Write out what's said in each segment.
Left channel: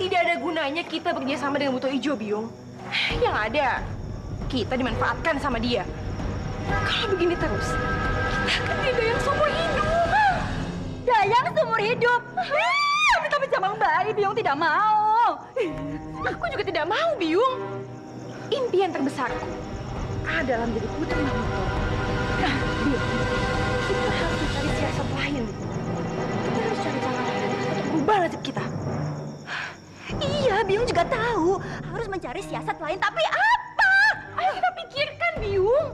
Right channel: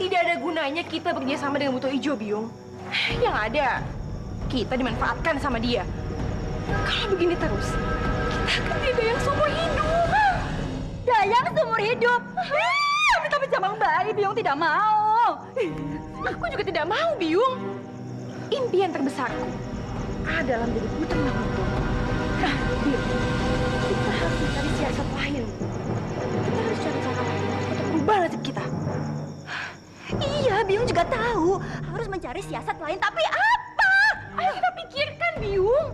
Tidak ada gunanya kita bekerja sama dengan Buto Ijo, Biung. Yang ada, kita dimanfaatkan sama dia. Kalau begini terus, kita akan jadi dayang seumur hidup. Dayang seumur hidup? Tapi Jamang bayi, Biung tidak mau. Aku juga tidak mau, Biung. Impian terbesarku adalah menjadi putri Mahmudpur. Nah, Biung, kita harus mencari siasat lain. Kita harus cari cara lain untuk merubah nasib kita. Iya, Biung juga tahu harus mencari siasat lain, tapi apa? Ayo kita pikirkan, Biung.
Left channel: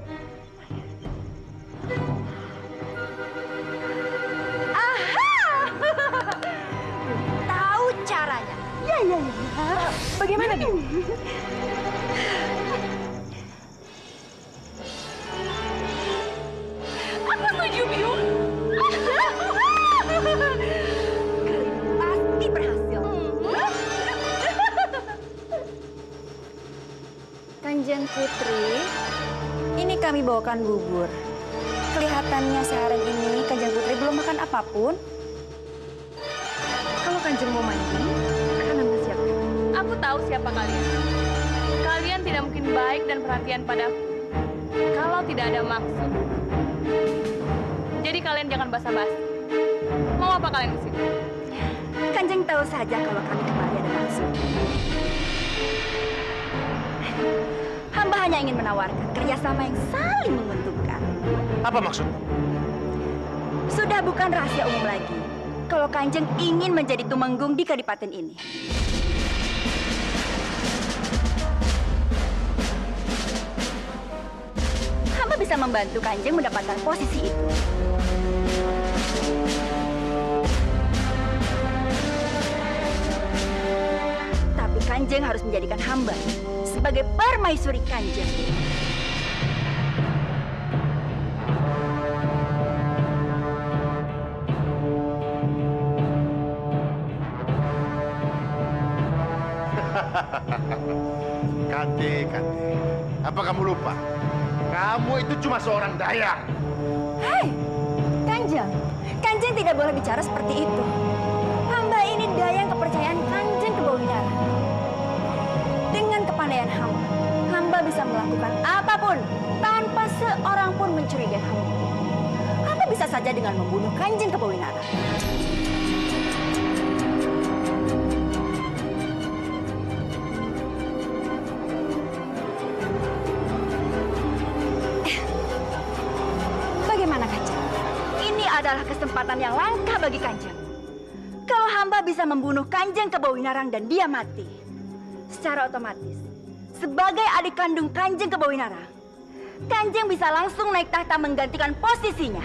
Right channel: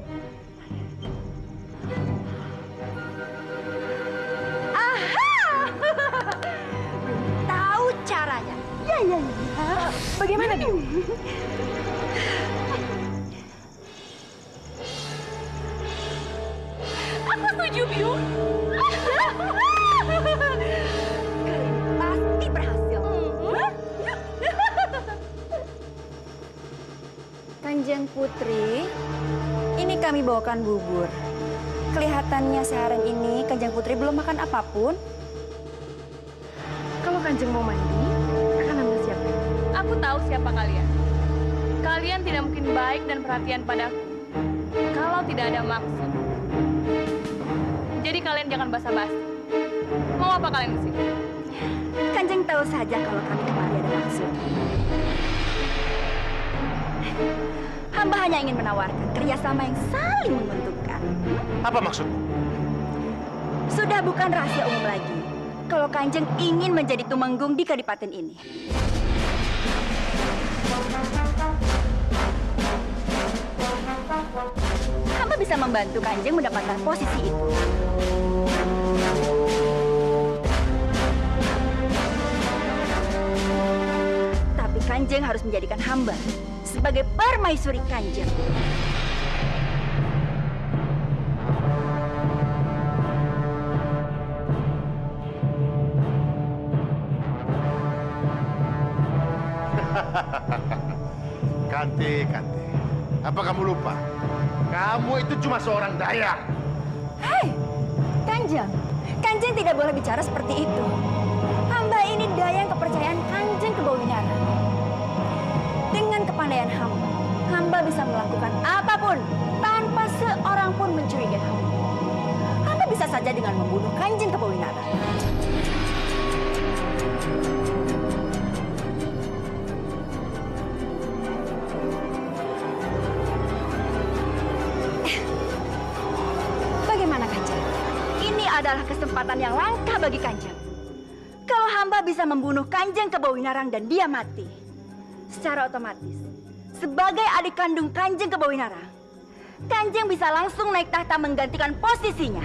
Aha! Biung tahu caranya. Ya. Bagaimana, Biung? Aku setuju, Biung. Kali ini pasti berhasil. Kanjeng Putri, ini kami bawakan bubur. Kelihatannya seharian ini Kanjeng Putri belum makan apapun. Kalau Kanjeng mau mandi, akan Anda siapkan. Aku tahu siapa kalian. Kalian tidak mungkin baik dan perhatian padaku kalau tidak ada maksud. Jadi kalian jangan basa-basi. Mau apa kalian di sini? Kanjeng tahu saja kalau kami kemari ada maksud. Hamba hanya ingin menawarkan kerjasama yang saling menguntungkan. Apa maksudmu? Sudah bukan rahasia umum lagi kalau Kanjeng ingin menjadi tumenggung di kadipaten ini. Hamba bisa membantu Kanjeng mendapatkan posisi itu. Tapi Kanjeng harus menjadikan hamba sebagai permaisuri Kanjeng. Kanti. Apa kamu lupa? Kamu itu cuma seorang dayang. Hei, Kanjeng. Kanjeng tidak boleh bicara seperti itu. Hamba ini dayang kepercayaan Kanjeng Kebawinara. Dengan kepandaian hamba bisa melakukan apapun tanpa seorang pun mencurigai hamba. Hamba bisa saja dengan membunuh Kanjeng Kebawinara. Bagaimana Kanjeng? Ini adalah kesempatan yang langka bagi Kanjeng. Kalau hamba bisa membunuh Kanjeng Kebawinarang dan dia mati, secara otomatis, sebagai adik kandung Kanjeng Kebawinarang, Kanjeng bisa langsung naik tahta menggantikan posisinya.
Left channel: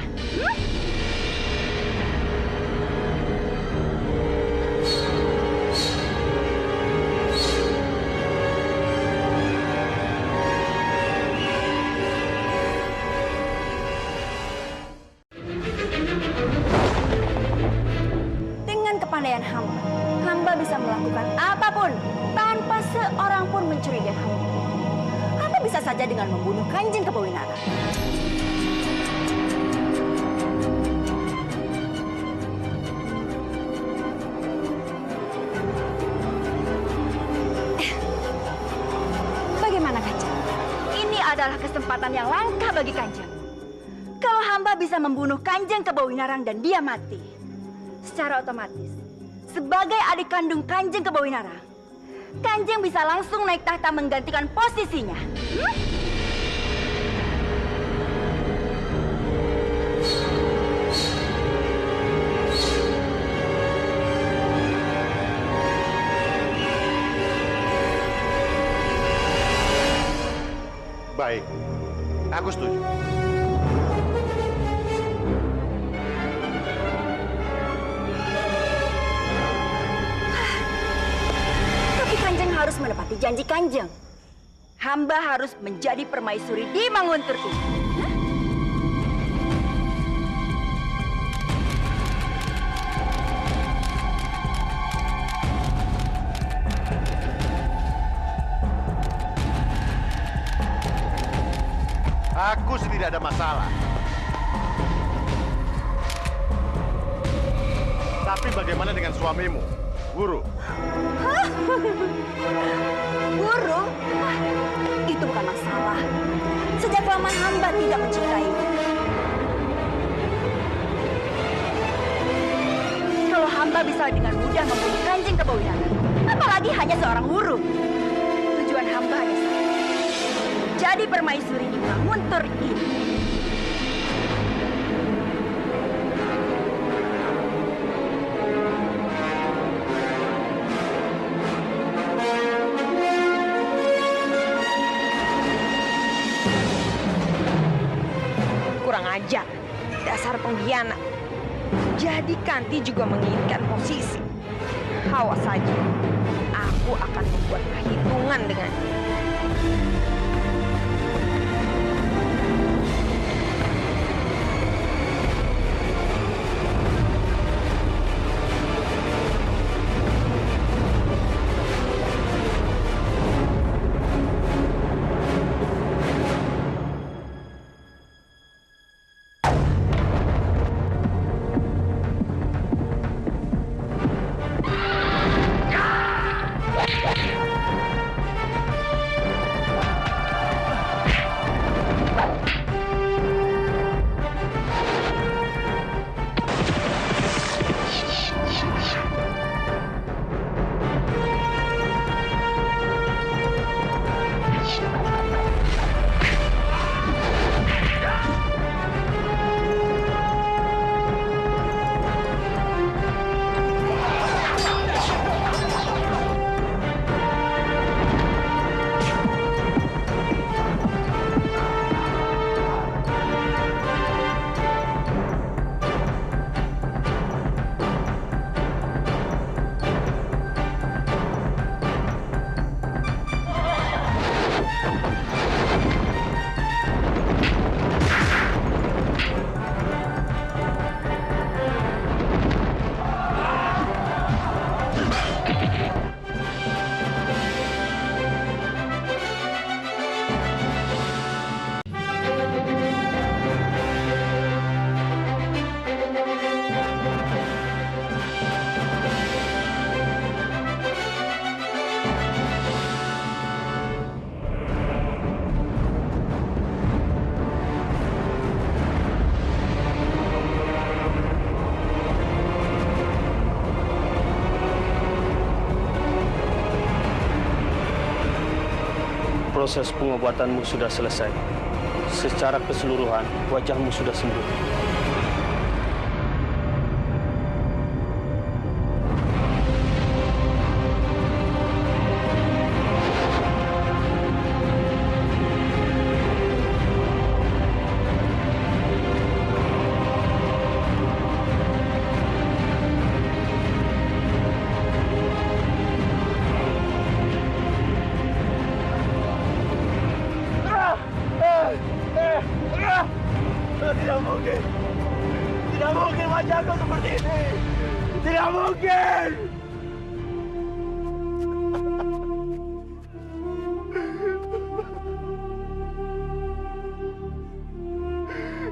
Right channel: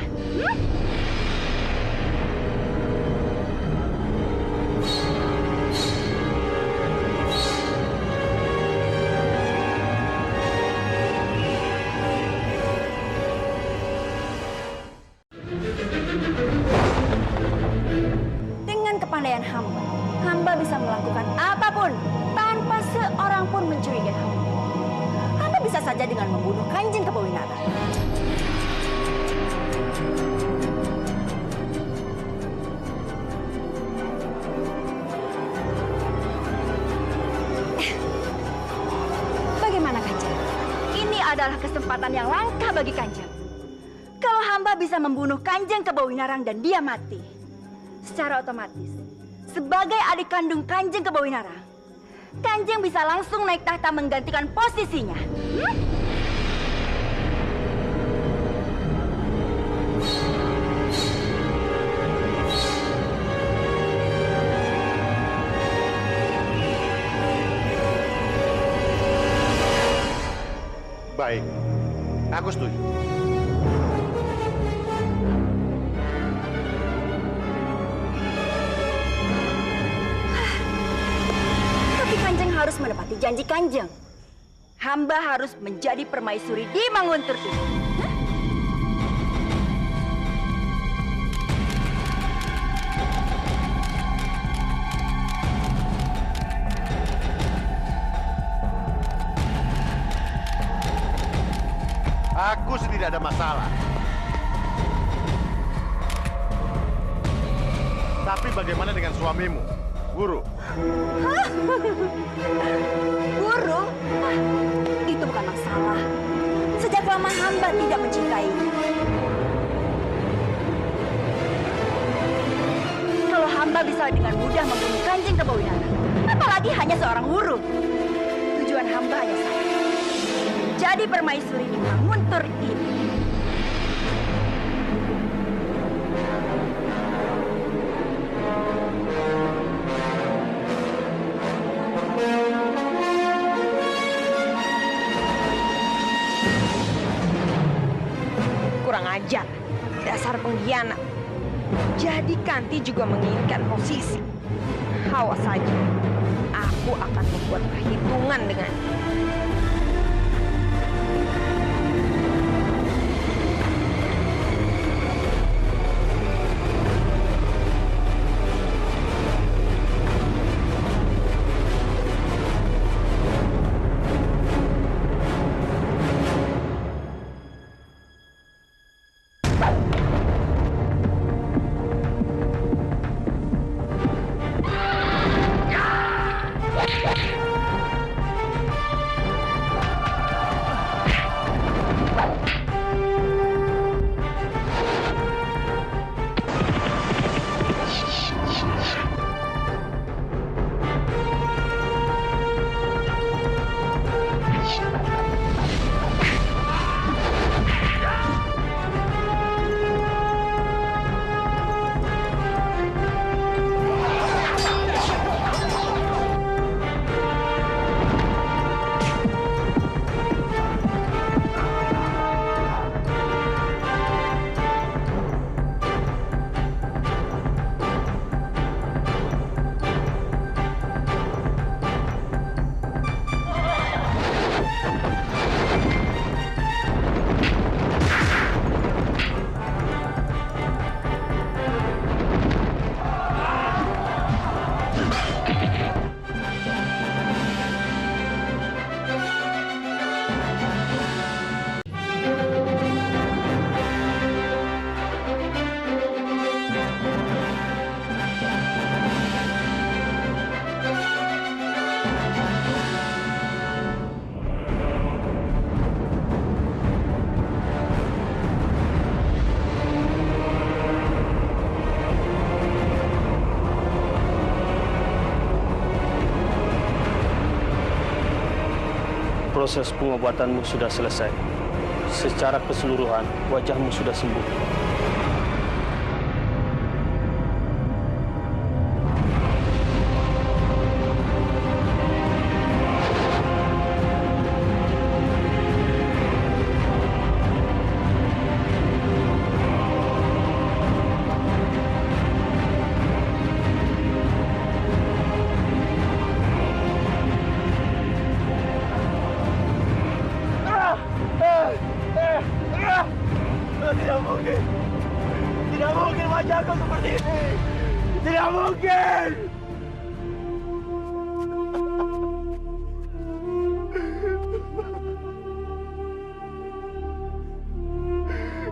Dengan kepandaian hamba bisa melakukan apapun tanpa seorang pun mencurigai hamba. Hamba bisa saja dengan membunuh Kanjeng Kebawinara. Bagaimana Kanjeng? Ini adalah kesempatan yang langka bagi Kanjeng. Kalau hamba bisa membunuh Kanjeng Kebawinarang dan dia mati, secara otomatis, sebagai adik kandung Kanjeng Kebawinarang, Kanjeng bisa langsung naik tahta menggantikan posisinya. Baik, aku setuju. Tapi Kanjeng harus menepati janji Kanjeng. Hamba harus menjadi permaisuri di Manguntur ini. Aku sih tidak ada masalah. Tapi bagaimana dengan suamimu? Guru. Guru? Wah, itu bukan masalah. Sejak lama hamba tidak mencintainya. Kalau hamba bisa dengan mudah membunuh Kanjeng Kebawinara, apalagi hanya seorang guru. Tujuan hamba hanya satu. Jadi permaisuri di Manguntur ini. Kurang ajar, dasar pengkhianat. Jadi Kanti juga menginginkan posisi. Awas saja, aku akan membuat perhitungan dengannya. Proses pengobatanmu sudah selesai. Secara keseluruhan, wajahmu sudah sembuh. Tidak mungkin. Tidak mungkin wajahku seperti ini. Tidak mungkin.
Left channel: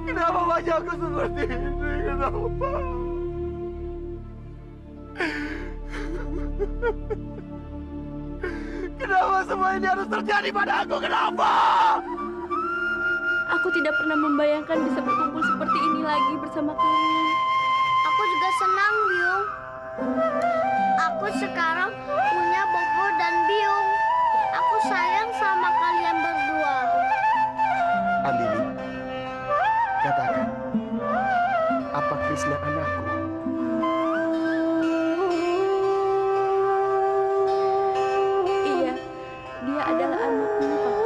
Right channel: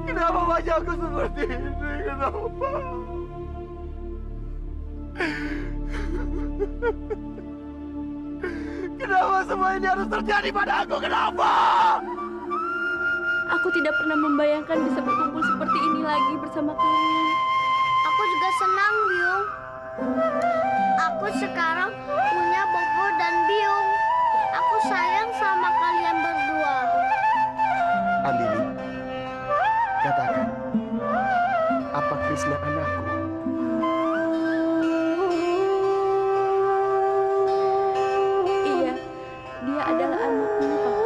Kenapa wajahku seperti ini? Kenapa? Kenapa semua ini harus terjadi padaku? Kenapa? Aku tidak pernah membayangkan bisa berkumpul seperti ini lagi bersama kalian. Aku juga senang, Biung. Aku sekarang punya Bobo dan Biung. Aku sayang sama kalian berdua. Andini, katakan, apa Krishna anakku? Iya, dia adalah anakmu, Kakak.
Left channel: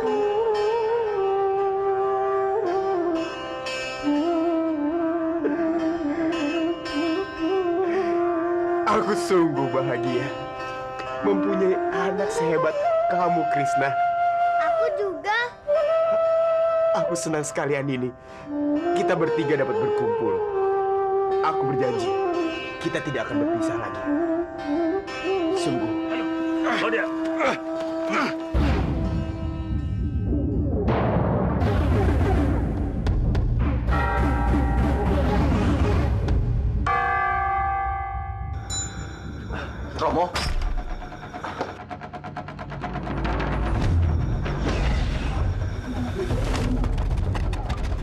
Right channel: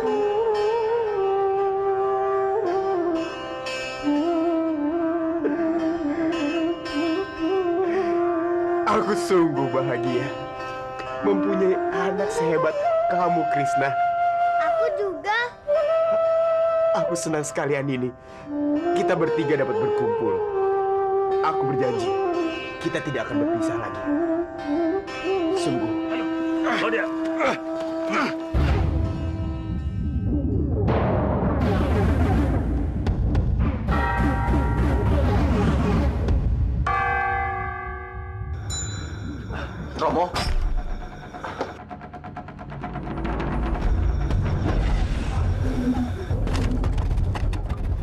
Aku sungguh bahagia mempunyai anak sehebat kamu, Krishna. Aku juga. Aku senang sekali, Andini. Kita bertiga dapat berkumpul. Aku berjanji, kita tidak akan berpisah lagi. Sungguh. Oh dia. Romo.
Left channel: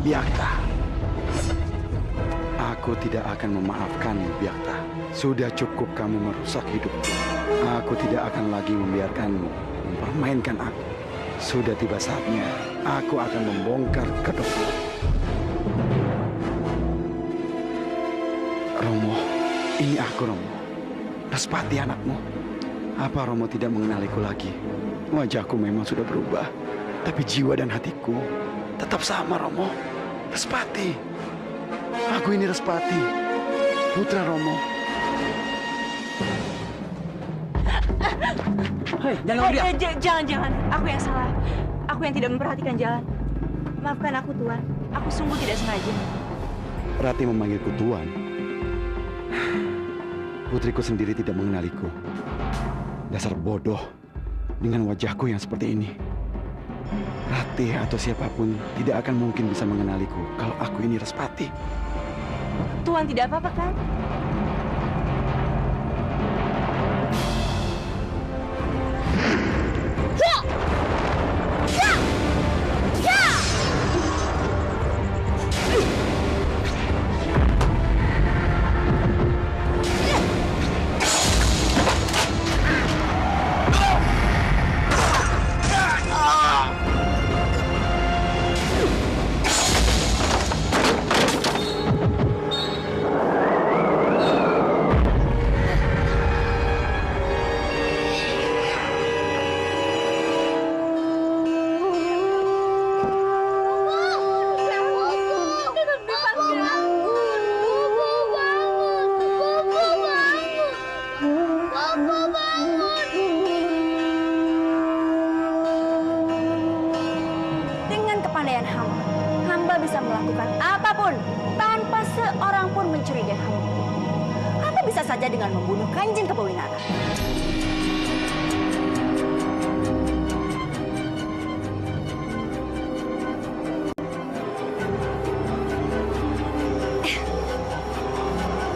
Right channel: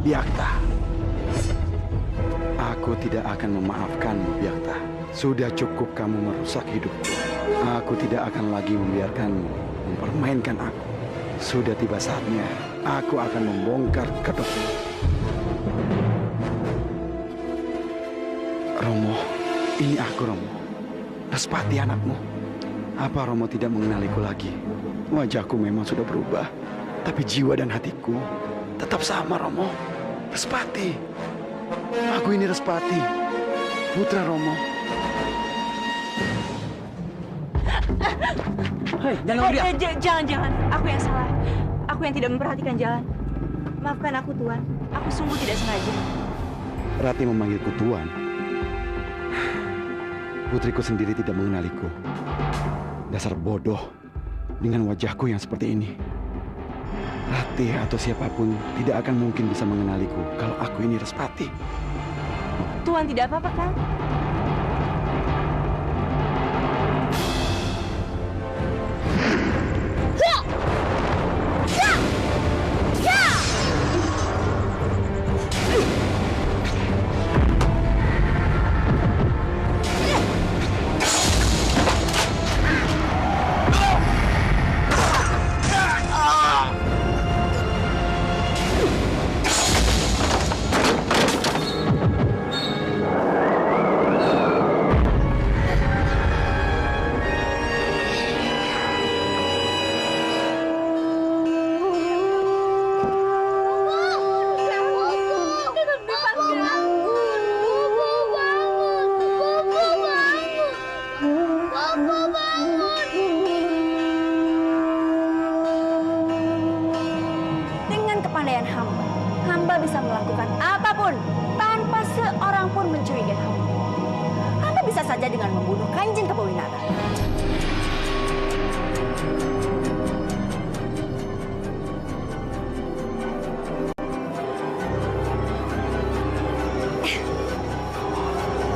Biakta. Aku tidak akan memaafkanmu, Biakta. Sudah cukup kamu merusak hidupku. Aku tidak akan lagi membiarkanmu mempermainkan aku. Sudah tiba saatnya aku akan membongkar kedokmu. Romo, ini aku, Romo. Respati anakmu. Apa Romo tidak mengenaliku lagi? Wajahku memang sudah berubah, tapi jiwa dan hatiku tetap sama, Romo. Respati. Aku ini Respati, putra Romo. Hei, jangan dia. Jangan. Aku yang salah. Aku yang tidak memperhatikan jalan. Maafkan aku, Tuan. Aku sungguh tidak sengaja. Rati memanggilku Tuan. Putriku sendiri tidak mengenaliku. Dasar bodoh dengan wajahku yang seperti ini. Rati atau siapapun tidak akan mungkin bisa mengenaliku kalau aku ini Respati. Tuan tidak apa-apa kan? Hamba bisa melakukan apapun tanpa seorang pun mencurigai hamba. Hamba bisa saja dengan membunuh Kanjeng Kebawinara.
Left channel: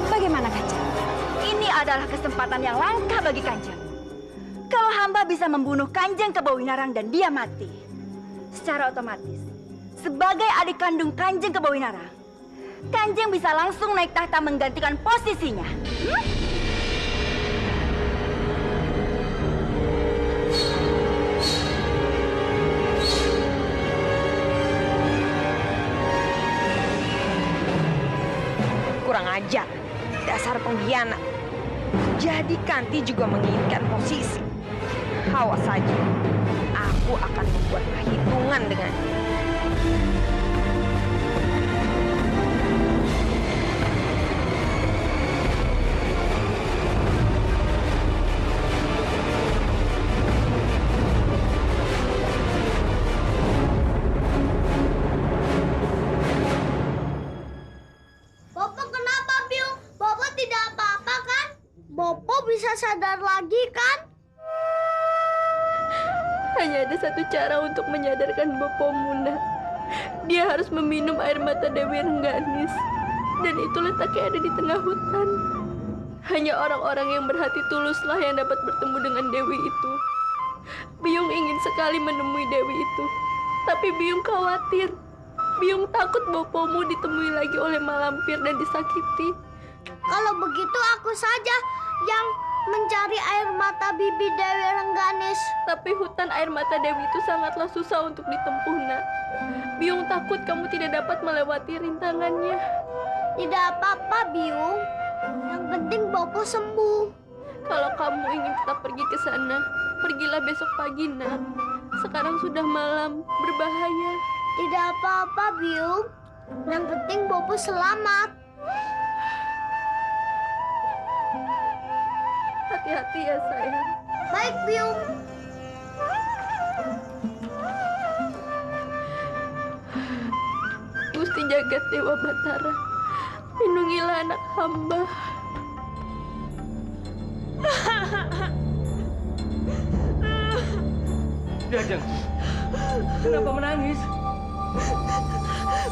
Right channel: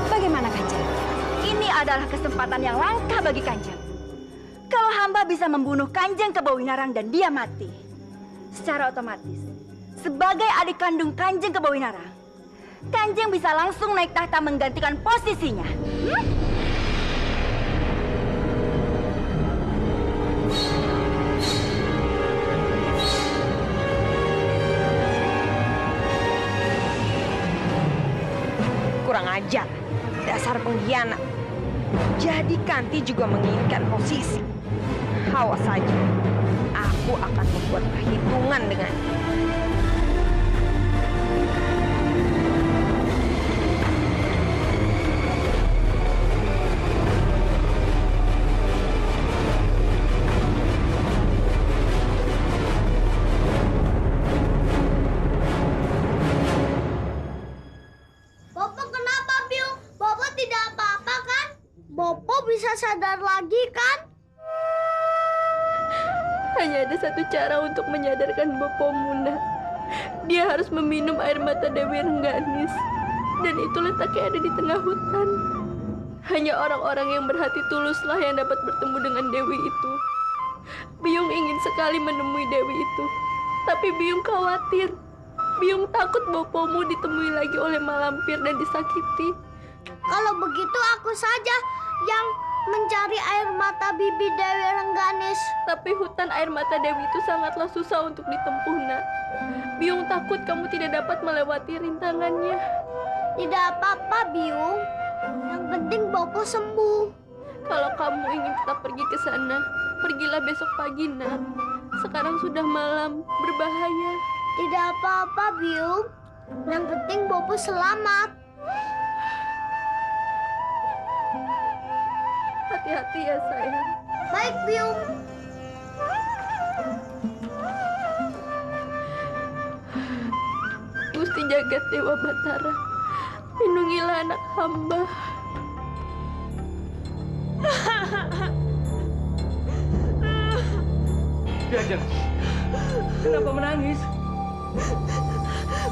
Bagaimana Kanjeng? Ini adalah kesempatan yang langka bagi Kanjeng. Kalau hamba bisa membunuh Kanjeng Kebawinarang dan dia mati, secara otomatis sebagai adik kandung Kanjeng Kebawinarang, Kanjeng bisa langsung naik tahta menggantikan posisinya. Kurang ajar, dasar pengkhianat. Jadi Kanti juga menginginkan posisi. Awas saja, aku akan membuat perhitungan dengannya. Bapak kenapa, Biung? Bapak tidak apa-apa kan? Bapak bisa sadar lagi kan? Hanya ada satu cara untuk menyadarkan Bopo Muna. Dia harus meminum air mata Dewi Rengganis. Dan itu letaknya ada di tengah hutan. Hanya orang-orang yang berhati tuluslah yang dapat bertemu dengan Dewi itu. Biung ingin sekali menemui Dewi itu. Tapi Biung khawatir. Biung takut Bopomu ditemui lagi oleh malampir dan disakiti. Kalau begitu aku saja yang mencari air mata bibi Dewi Rengganis. Tapi hutan air mata Dewi itu sangatlah susah untuk ditempuh, Nak. Biung takut kamu tidak dapat melewati rintangannya. Tidak apa-apa, Biung. Yang penting Bopo sembuh. Kalau kamu ingin tetap pergi ke sana, pergilah besok pagi, Nak. Sekarang sudah malam, berbahaya. Tidak apa-apa, Biung. Yang penting Bopo selamat. Hati-hati ya, sayang. Baik, Biung. Gusti Jagat Dewa Batara, lindungilah anak hamba. Jajang, kenapa menangis?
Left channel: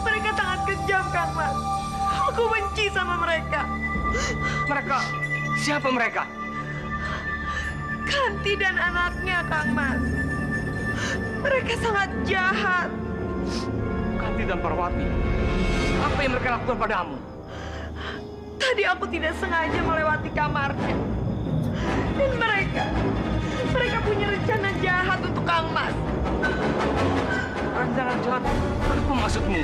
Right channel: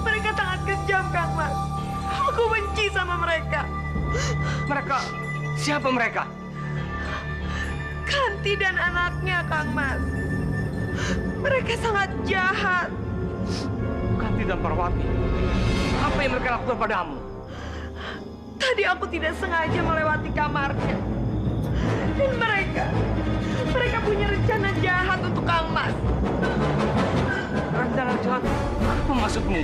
Mereka sangat kejam, Kang Mas. Aku benci sama mereka. Mereka? Siapa mereka? Kanti dan anaknya, Kang Mas. Mereka sangat jahat. Kanti dan Parwati, apa yang mereka lakukan padamu? Tadi aku tidak sengaja melewati kamarnya. Dan mereka punya rencana jahat untuk Kang Mas. Rencana jahat? Apa maksudmu?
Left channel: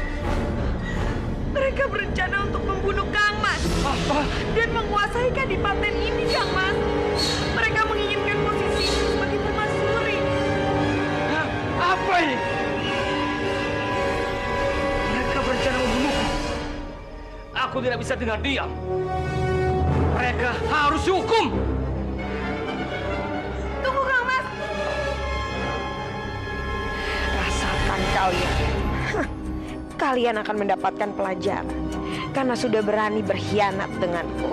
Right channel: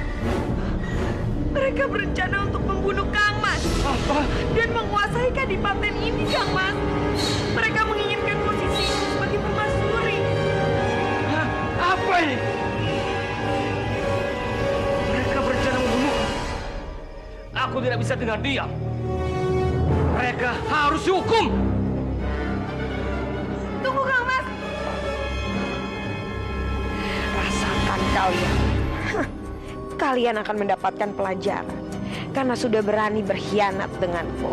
Mereka berencana untuk membunuh Kang Mas. Apa? Dan menguasai kadipaten ini, Kang Mas. Mereka menginginkan posisi sebagai permaisuri. Hah? Apa ini? Mereka berencana membunuhku. Aku tidak bisa tinggal diam. Mereka harus dihukum. Tunggu, Kang Mas. Rasakan kalian. Kalian akan mendapatkan pelajaran karena sudah berani berkhianat denganku.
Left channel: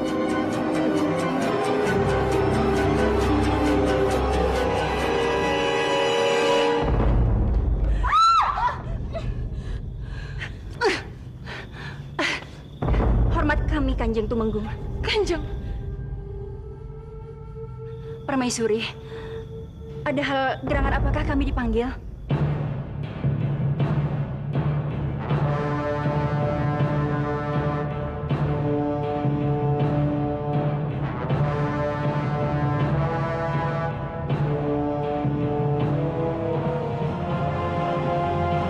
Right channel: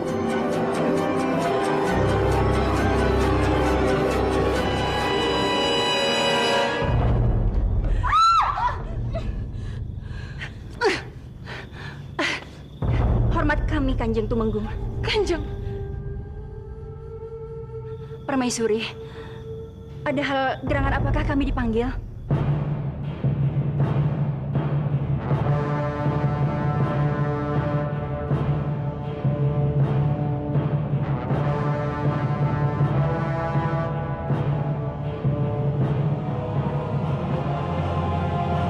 Hormat kami, Kanjeng Tumenggung. Kanjeng. Permaisuri, ada hal gerangan apakah kami dipanggil?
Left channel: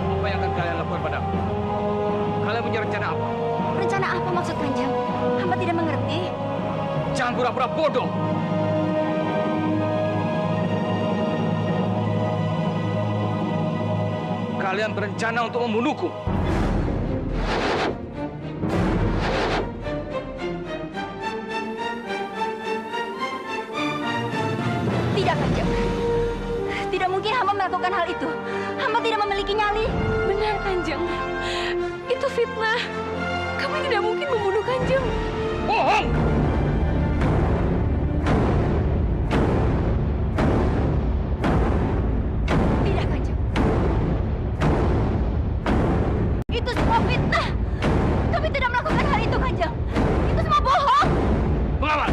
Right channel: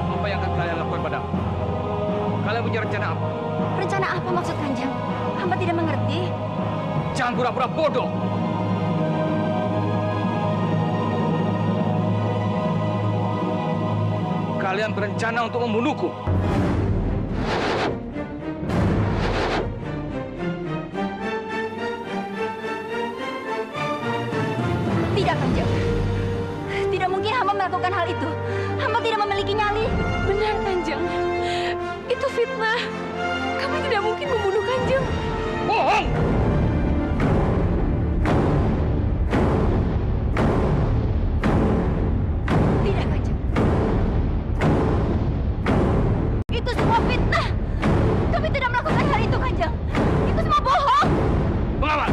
Apa yang akan kalian lakukan padaku? Kalian punya rencana apa? Rencana apa maksud Kanjeng? Hamba tidak mengerti. Jangan pura-pura bodoh. Kalian berencana untuk membunuhku. Tidak, Kanjeng. Tidak mungkin hamba melakukan hal itu. Hamba tidak memiliki nyali. Benar, Kanjeng. Itu fitnah. Kami tidak mungkin membunuh Kanjeng. Bohong! Tidak, Kanjeng. Itu semua fitnah. Kami tidak melakukan hal itu, Kanjeng. Itu semua bohong. Pengawal!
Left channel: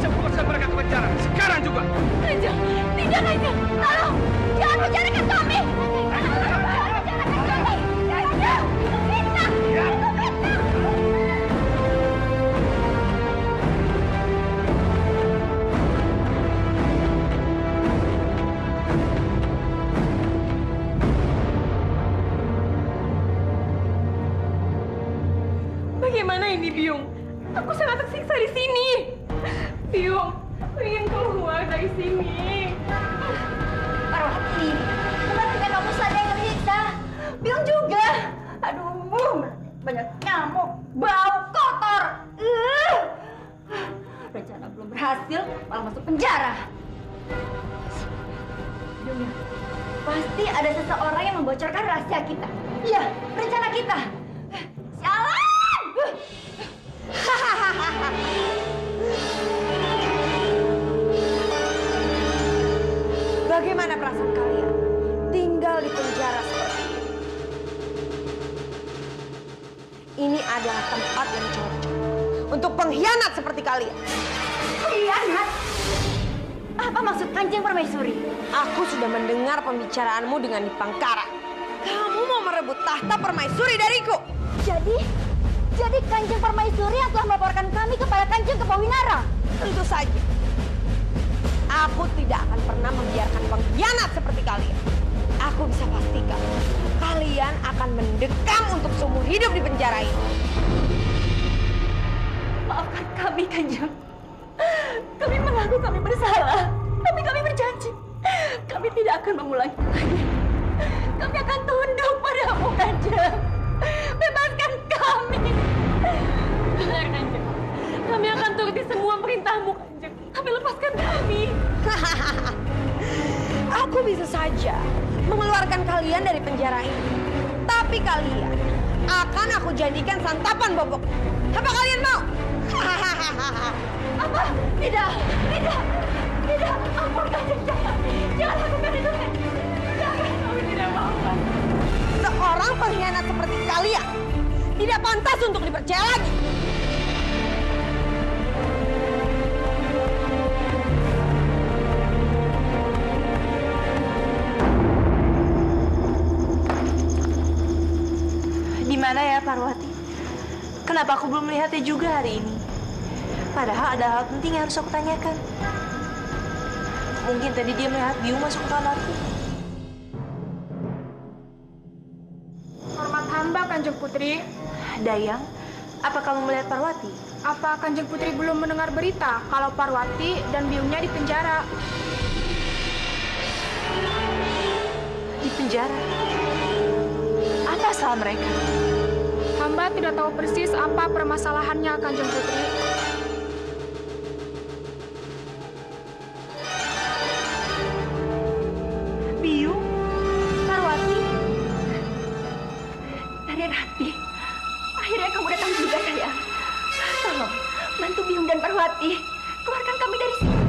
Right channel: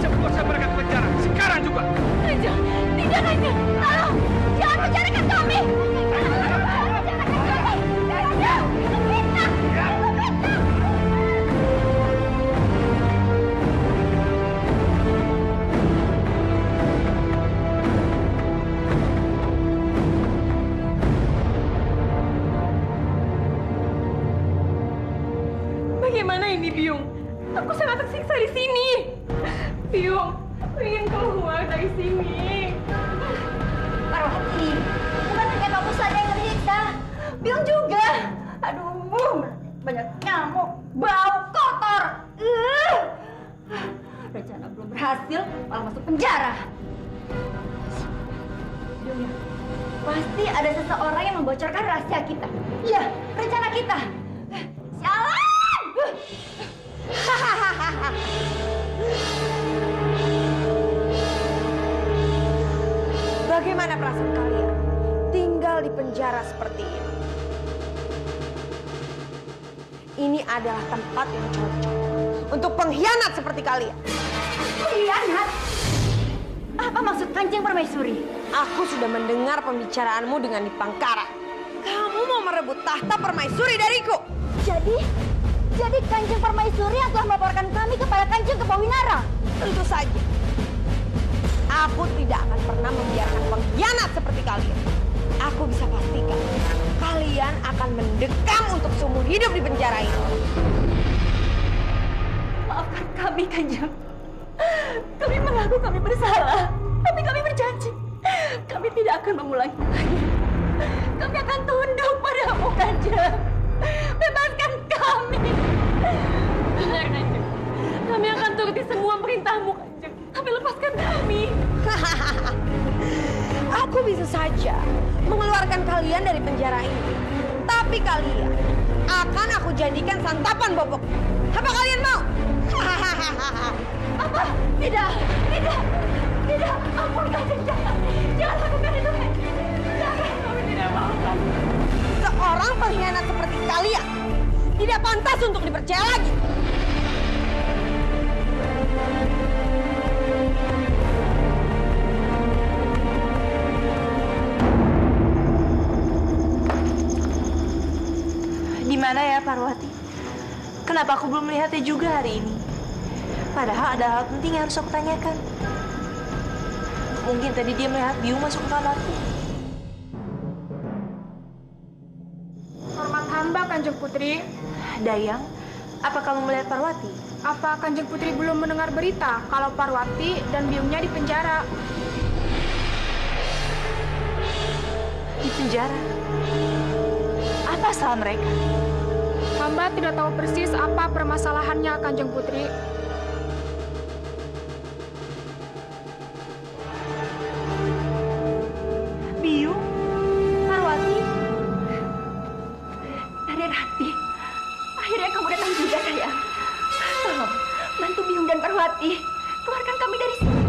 Cepatkan mereka ke penjara. Sekarang juga. Kanjeng, tidak, Kanjeng. Tolong, jangan penjarakan kami. Jangan penjarakan kami. Kanjeng, itu fitnah. Itu fitnah. Bagaimana ini, Biung? Aku sangat tersiksa di sini. Biung, aku ingin keluar dari sini. Parwati, bukan hanya kamu saja yang tersiksa. Biung juga. Aduh, banyak nyamuk, bau, kotor. Rencana belum berhasil, malah masuk penjara. Biung, pasti ada seseorang yang membocorkan rahasia kita. Iya, rencana kita. Sialan! Bagaimana perasaan kalian tinggal di penjara seperti ini? Ini adalah tempat yang cocok untuk pengkhianat seperti kalian. Pengkhianat? Apa maksud Kanjeng Permaisuri? Aku sudah mendengar pembicaraanmu dengan Dipangkara. Kamu mau merebut tahta permaisuri dariku. Jadi Kanjeng Permaisuri yang telah melaporkan kami kepada Kanjeng Kepawinara. Tentu saja. Aku tidak akan pernah membiarkan pengkhianat seperti kalian. Aku bisa pastikan kalian akan mendekam untuk seumur hidup di penjara ini. Maafkan kami, Kanjeng. Kami mengaku kami bersalah, tapi kami berjanji kami tidak akan mengulangi lagi. Kami akan tunduk padamu, Kanjeng. Bebaskan kami. Benar, Kanjeng. Kami akan turuti semua perintahmu, Kanjeng. Tapi lepaskan kami. Aku bisa saja mengeluarkan kalian dari penjara ini. Tapi kalian akan aku jadikan santapan bobok. Apa kalian mau? Apa? Tidak. Ampun, Kanjeng, jangan lakukan itu, Kanjeng. Jangan, kami tidak mau, Kanjeng. Seorang pengkhianat seperti kalian tidak pantas untuk dipercaya lagi. ya Parwati? Kenapa aku belum melihatnya juga hari ini? Padahal ada hal penting yang harus aku tanyakan. Mungkin tadi dia melihat Biung masuk ke kamarku. Hormat hamba, Kanjeng Putri. Dayang, apa kamu melihat Parwati? Apa Kanjeng Putri belum mendengar berita kalau Parwati dan Biungnya di penjara? Di penjara? Apa salah mereka? Hamba tidak tahu persis apa permasalahannya, Kanjeng Putri. Biung? Parwati? Dari Rati, akhirnya kamu datang juga, sayang. Tolong, bantu Biung dan Parwati. Keluarkan kami dari sini.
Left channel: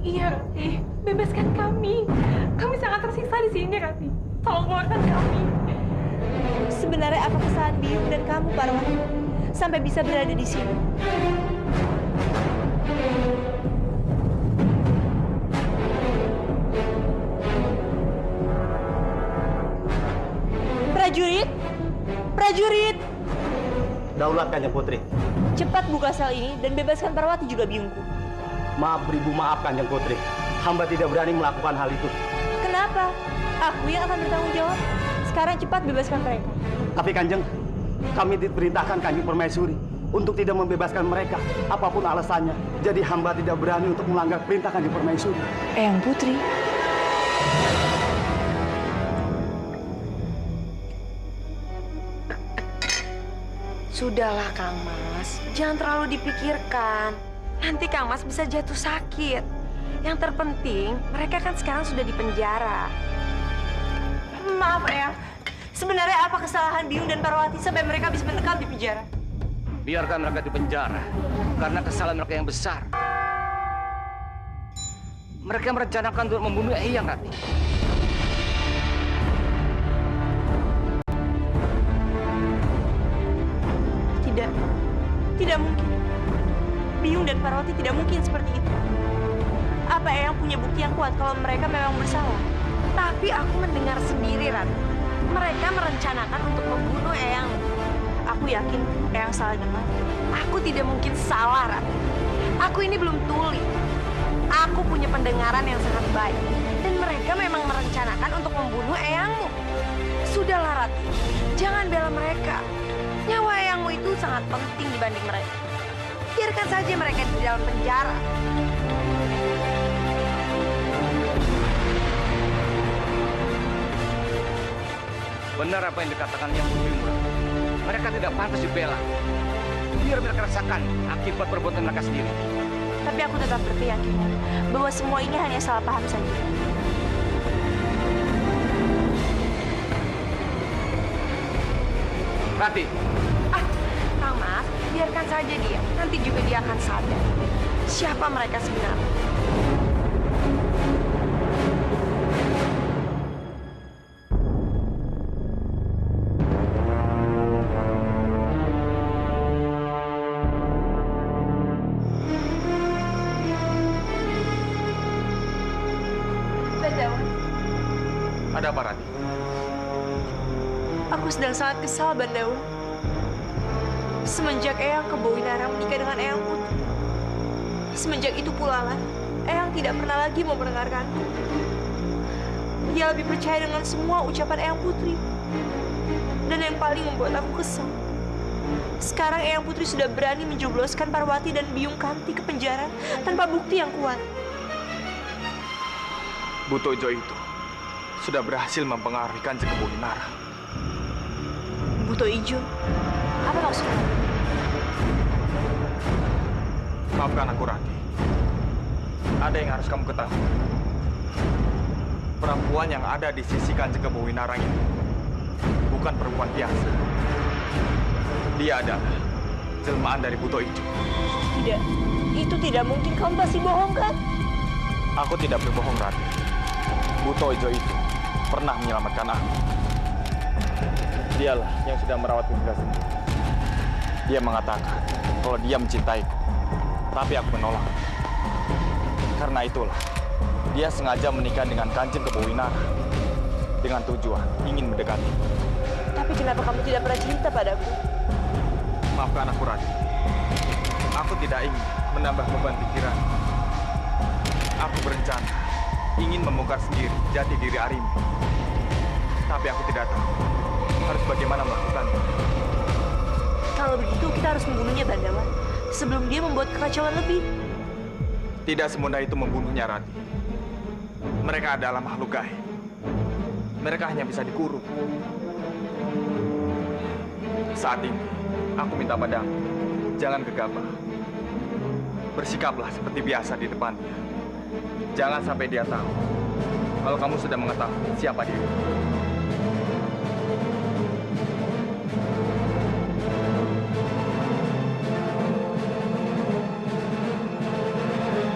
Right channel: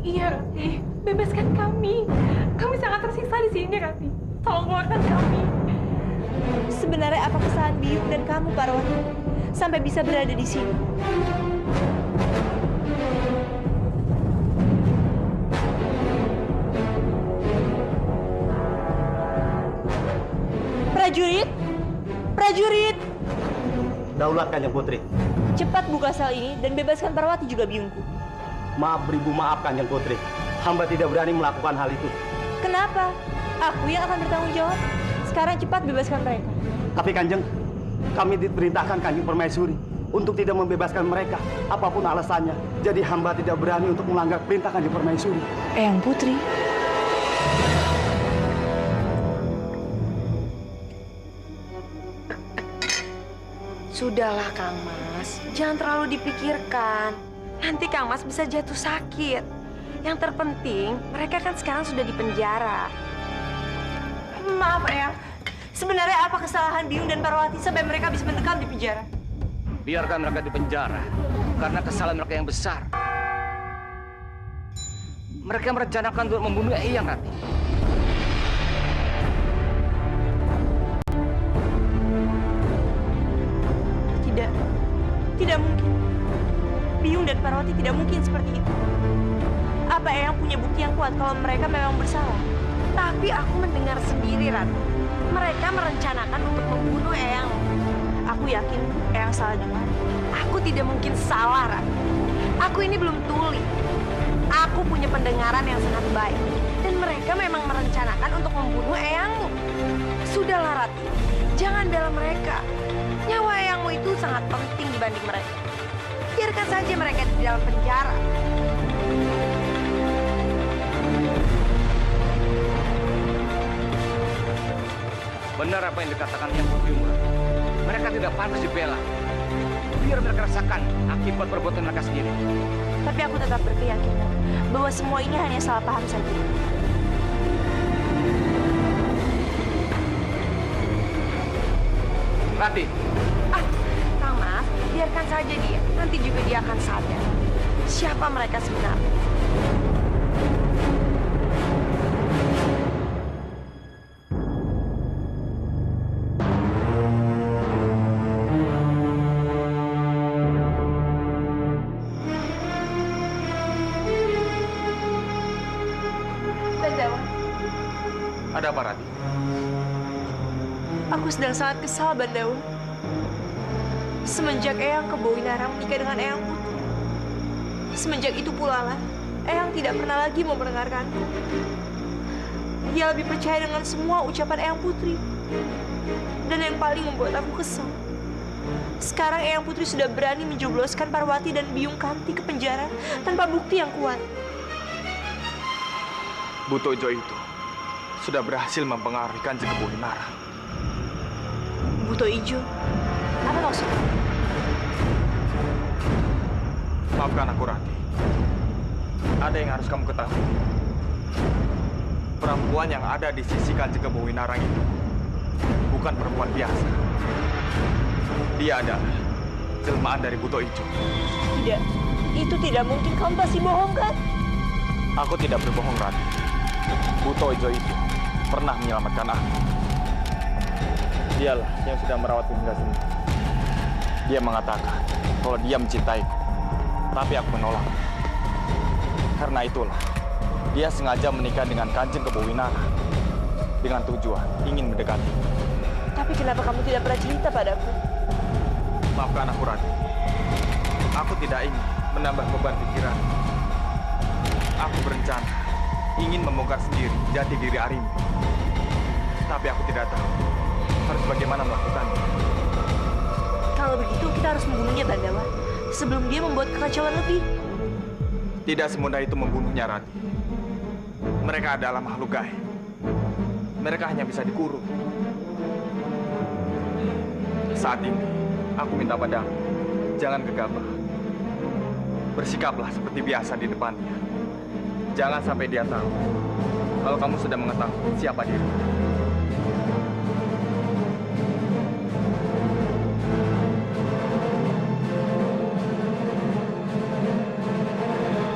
Iya, Rati. Bebaskan kami. Kami sangat tersiksa di sini, Rati. Tolong keluarkan kami. Sebenarnya apa kesalahan Biung dan kamu, Parwati, sampai bisa berada di sini? Prajurit! Prajurit! Daulat Kanjeng Putri. Cepat buka sel ini dan bebaskan Parwati juga Biungku. Maaf beribu maaf Kanjeng Putri. Hamba tidak berani melakukan hal itu. Kenapa? Aku yang akan bertanggung jawab. Sekarang cepat bebaskan mereka. Tapi Kanjeng, kami diperintahkan Kanjeng Permaisuri untuk tidak membebaskan mereka, apapun alasannya. Jadi hamba tidak berani untuk melanggar perintah Kanjeng Permaisuri. Eyang Putri. Sudahlah Kang Mas, jangan terlalu dipikirkan. Nanti Kang Mas bisa jatuh sakit. Yang terpenting, mereka kan sekarang sudah di penjara. Maaf Eyang, sebenarnya apa kesalahan Biung dan Parwati sampai mereka bisa mendekam di penjara? Biarkan mereka di penjara, karena kesalahan mereka yang besar. Mereka merencanakan untuk membunuh Eyang, Rati. Tidak mungkin. Biung dan Parwati tidak mungkin seperti itu. Apa Eyang punya bukti yang kuat kalau mereka memang bersalah? Tapi aku mendengar sendiri, Rati. Mereka merencanakan untuk membunuh Eyang. Aku yakin Eyang salah dengar. Aku tidak mungkin salah, Rati. Aku ini belum tuli. Aku punya pendengaran yang sangat baik. Dan mereka memang merencanakan untuk membunuh Eyangmu. Sudahlah, Rati. Jangan bela mereka. Nyawa Eyangmu itu sangat penting dibanding mereka. Biarkan saja mereka di dalam penjara. Benar apa yang dikatakan Eyang Putri Murah. Mereka tidak pantas dibela. Biar mereka rasakan akibat perbuatan mereka sendiri. Tapi aku tetap berkeyakinan bahwa semua ini hanya salah paham saja. Rati, Kang Mas, biarkan saja dia. Nanti juga dia akan sadar siapa mereka sebenarnya. Bandawan, ada apa Rati? aku sedang sangat kesal, Bandawan. Semenjak Eyang ke Bowinara menikah dengan Eyang Putri, semenjak itu pula lah, Eyang tidak pernah lagi mau mendengarkanku. Dia lebih percaya dengan semua ucapan Eyang Putri. Dan yang paling membuat aku kesal, sekarang Eyang Putri sudah berani menjebloskan Parwati dan Biung Kanti ke penjara tanpa bukti yang kuat. Buto Ijo itu sudah berhasil mempengaruhi Kanjeng Kebowinara. Buto Ijo? Apa maksudnya? Maafkan aku, Rati. Ada yang harus kamu ketahui. Perempuan yang ada di sisi Kanjeng Kebowinara itu bukan perempuan biasa. Dia adalah jelmaan dari Buto Ijo. Tidak, itu tidak mungkin. Kamu pasti bohong, kan? Aku tidak berbohong, Rati. Buto Ijo itu pernah menyelamatkan aku. Dialah yang sudah merawatku hingga sini. Dia mengatakan kalau dia mencintaiku, tapi aku menolak. Karena itulah, dia sengaja menikah dengan Kanjeng Kebowinara dengan tujuan ingin mendekati. Tapi kenapa kamu tidak pernah cerita padaku? Maafkan aku, Rati. Aku tidak ingin menambah beban pikiran. Aku berencana ingin membongkar sendiri jati diri Arimi. Tapi aku tidak tahu harus bagaimana melakukannya. Kalau begitu kita harus membunuhnya, Bandawa, sebelum dia membuat kekacauan lebih. Tidak semudah itu membunuhnya, Rati. Mereka adalah makhluk gaib. Mereka hanya bisa dikurung. Saat ini, aku minta padamu, jangan gegabah. Bersikaplah seperti biasa di depannya. Jangan sampai dia tahu kalau kamu sudah mengetahui siapa diri.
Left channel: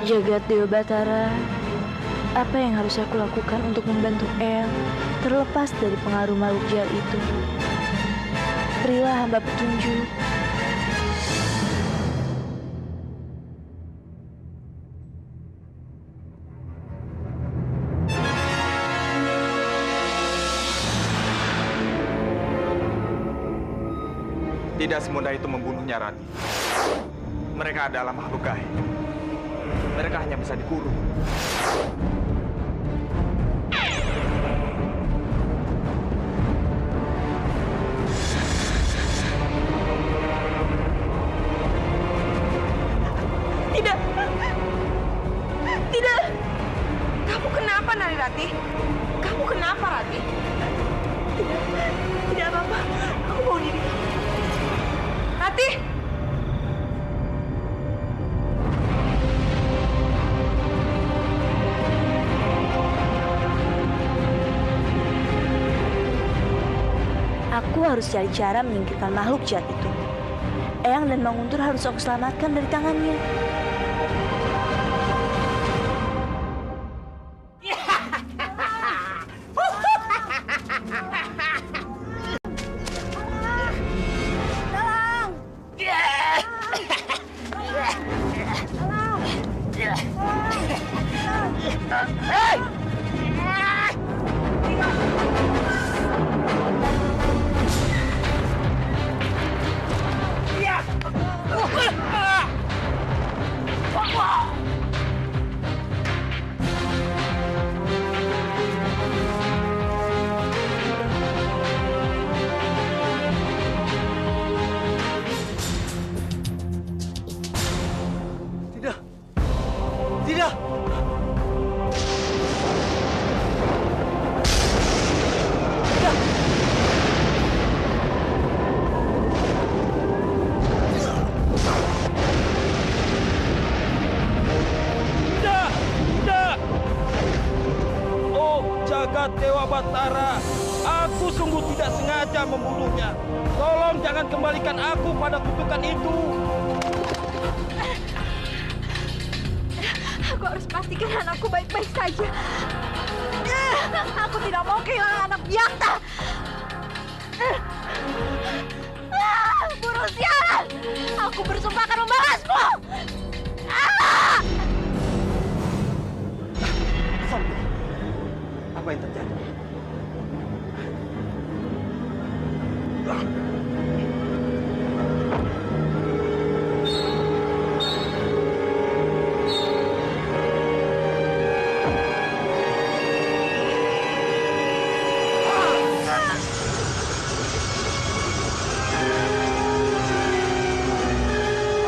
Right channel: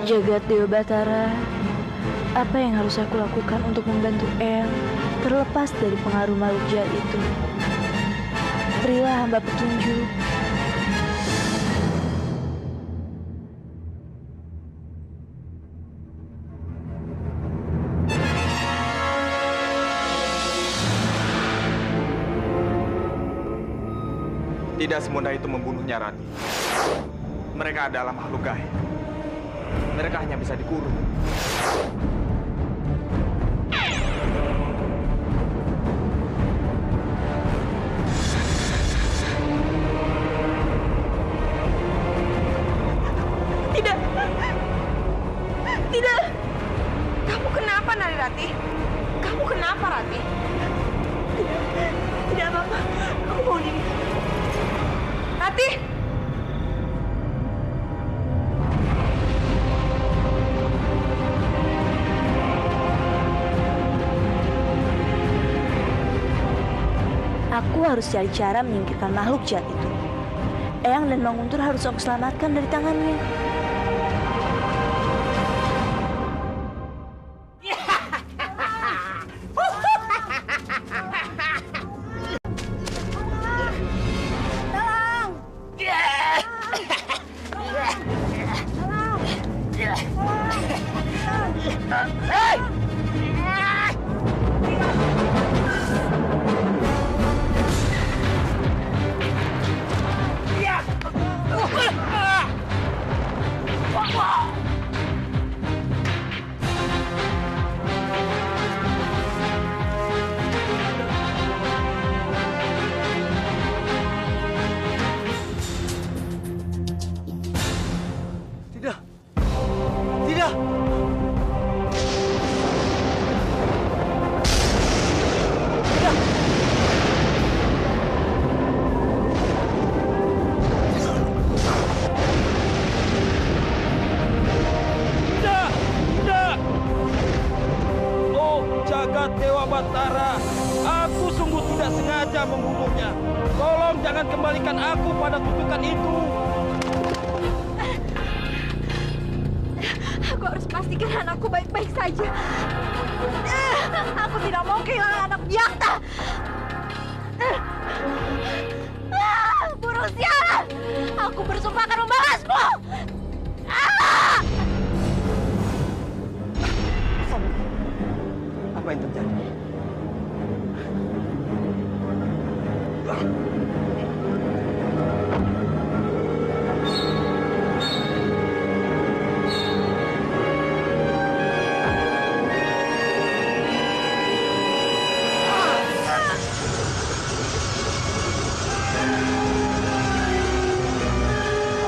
Jagat Dewa Batara, apa yang harus aku lakukan untuk membantu El terlepas dari pengaruh makhluk jahat itu? Berilah hamba petunjuk. Tidak semudah itu membunuhnya, Rati. Mereka adalah makhluk gaib. Mereka hanya bisa dikurung. Tidak. Tidak. Kamu kenapa, Narirati? Kamu kenapa, Rati? Tidak apa-apa, aku mau diri. Rati! Aku harus cari cara menyingkirkan makhluk jahat itu. Eyang dan Mang Untur harus aku selamatkan dari tangannya. Jagat Dewa Batara, aku sungguh tidak sengaja membunuhnya. Tolong jangan kembalikan aku pada kutukan itu. Aku harus pastikan anakku baik-baik saja. Aku tidak mau kehilangan anak Byakta. Burung sialan! Aku bersumpah akan membalasmu. Apa yang terjadi?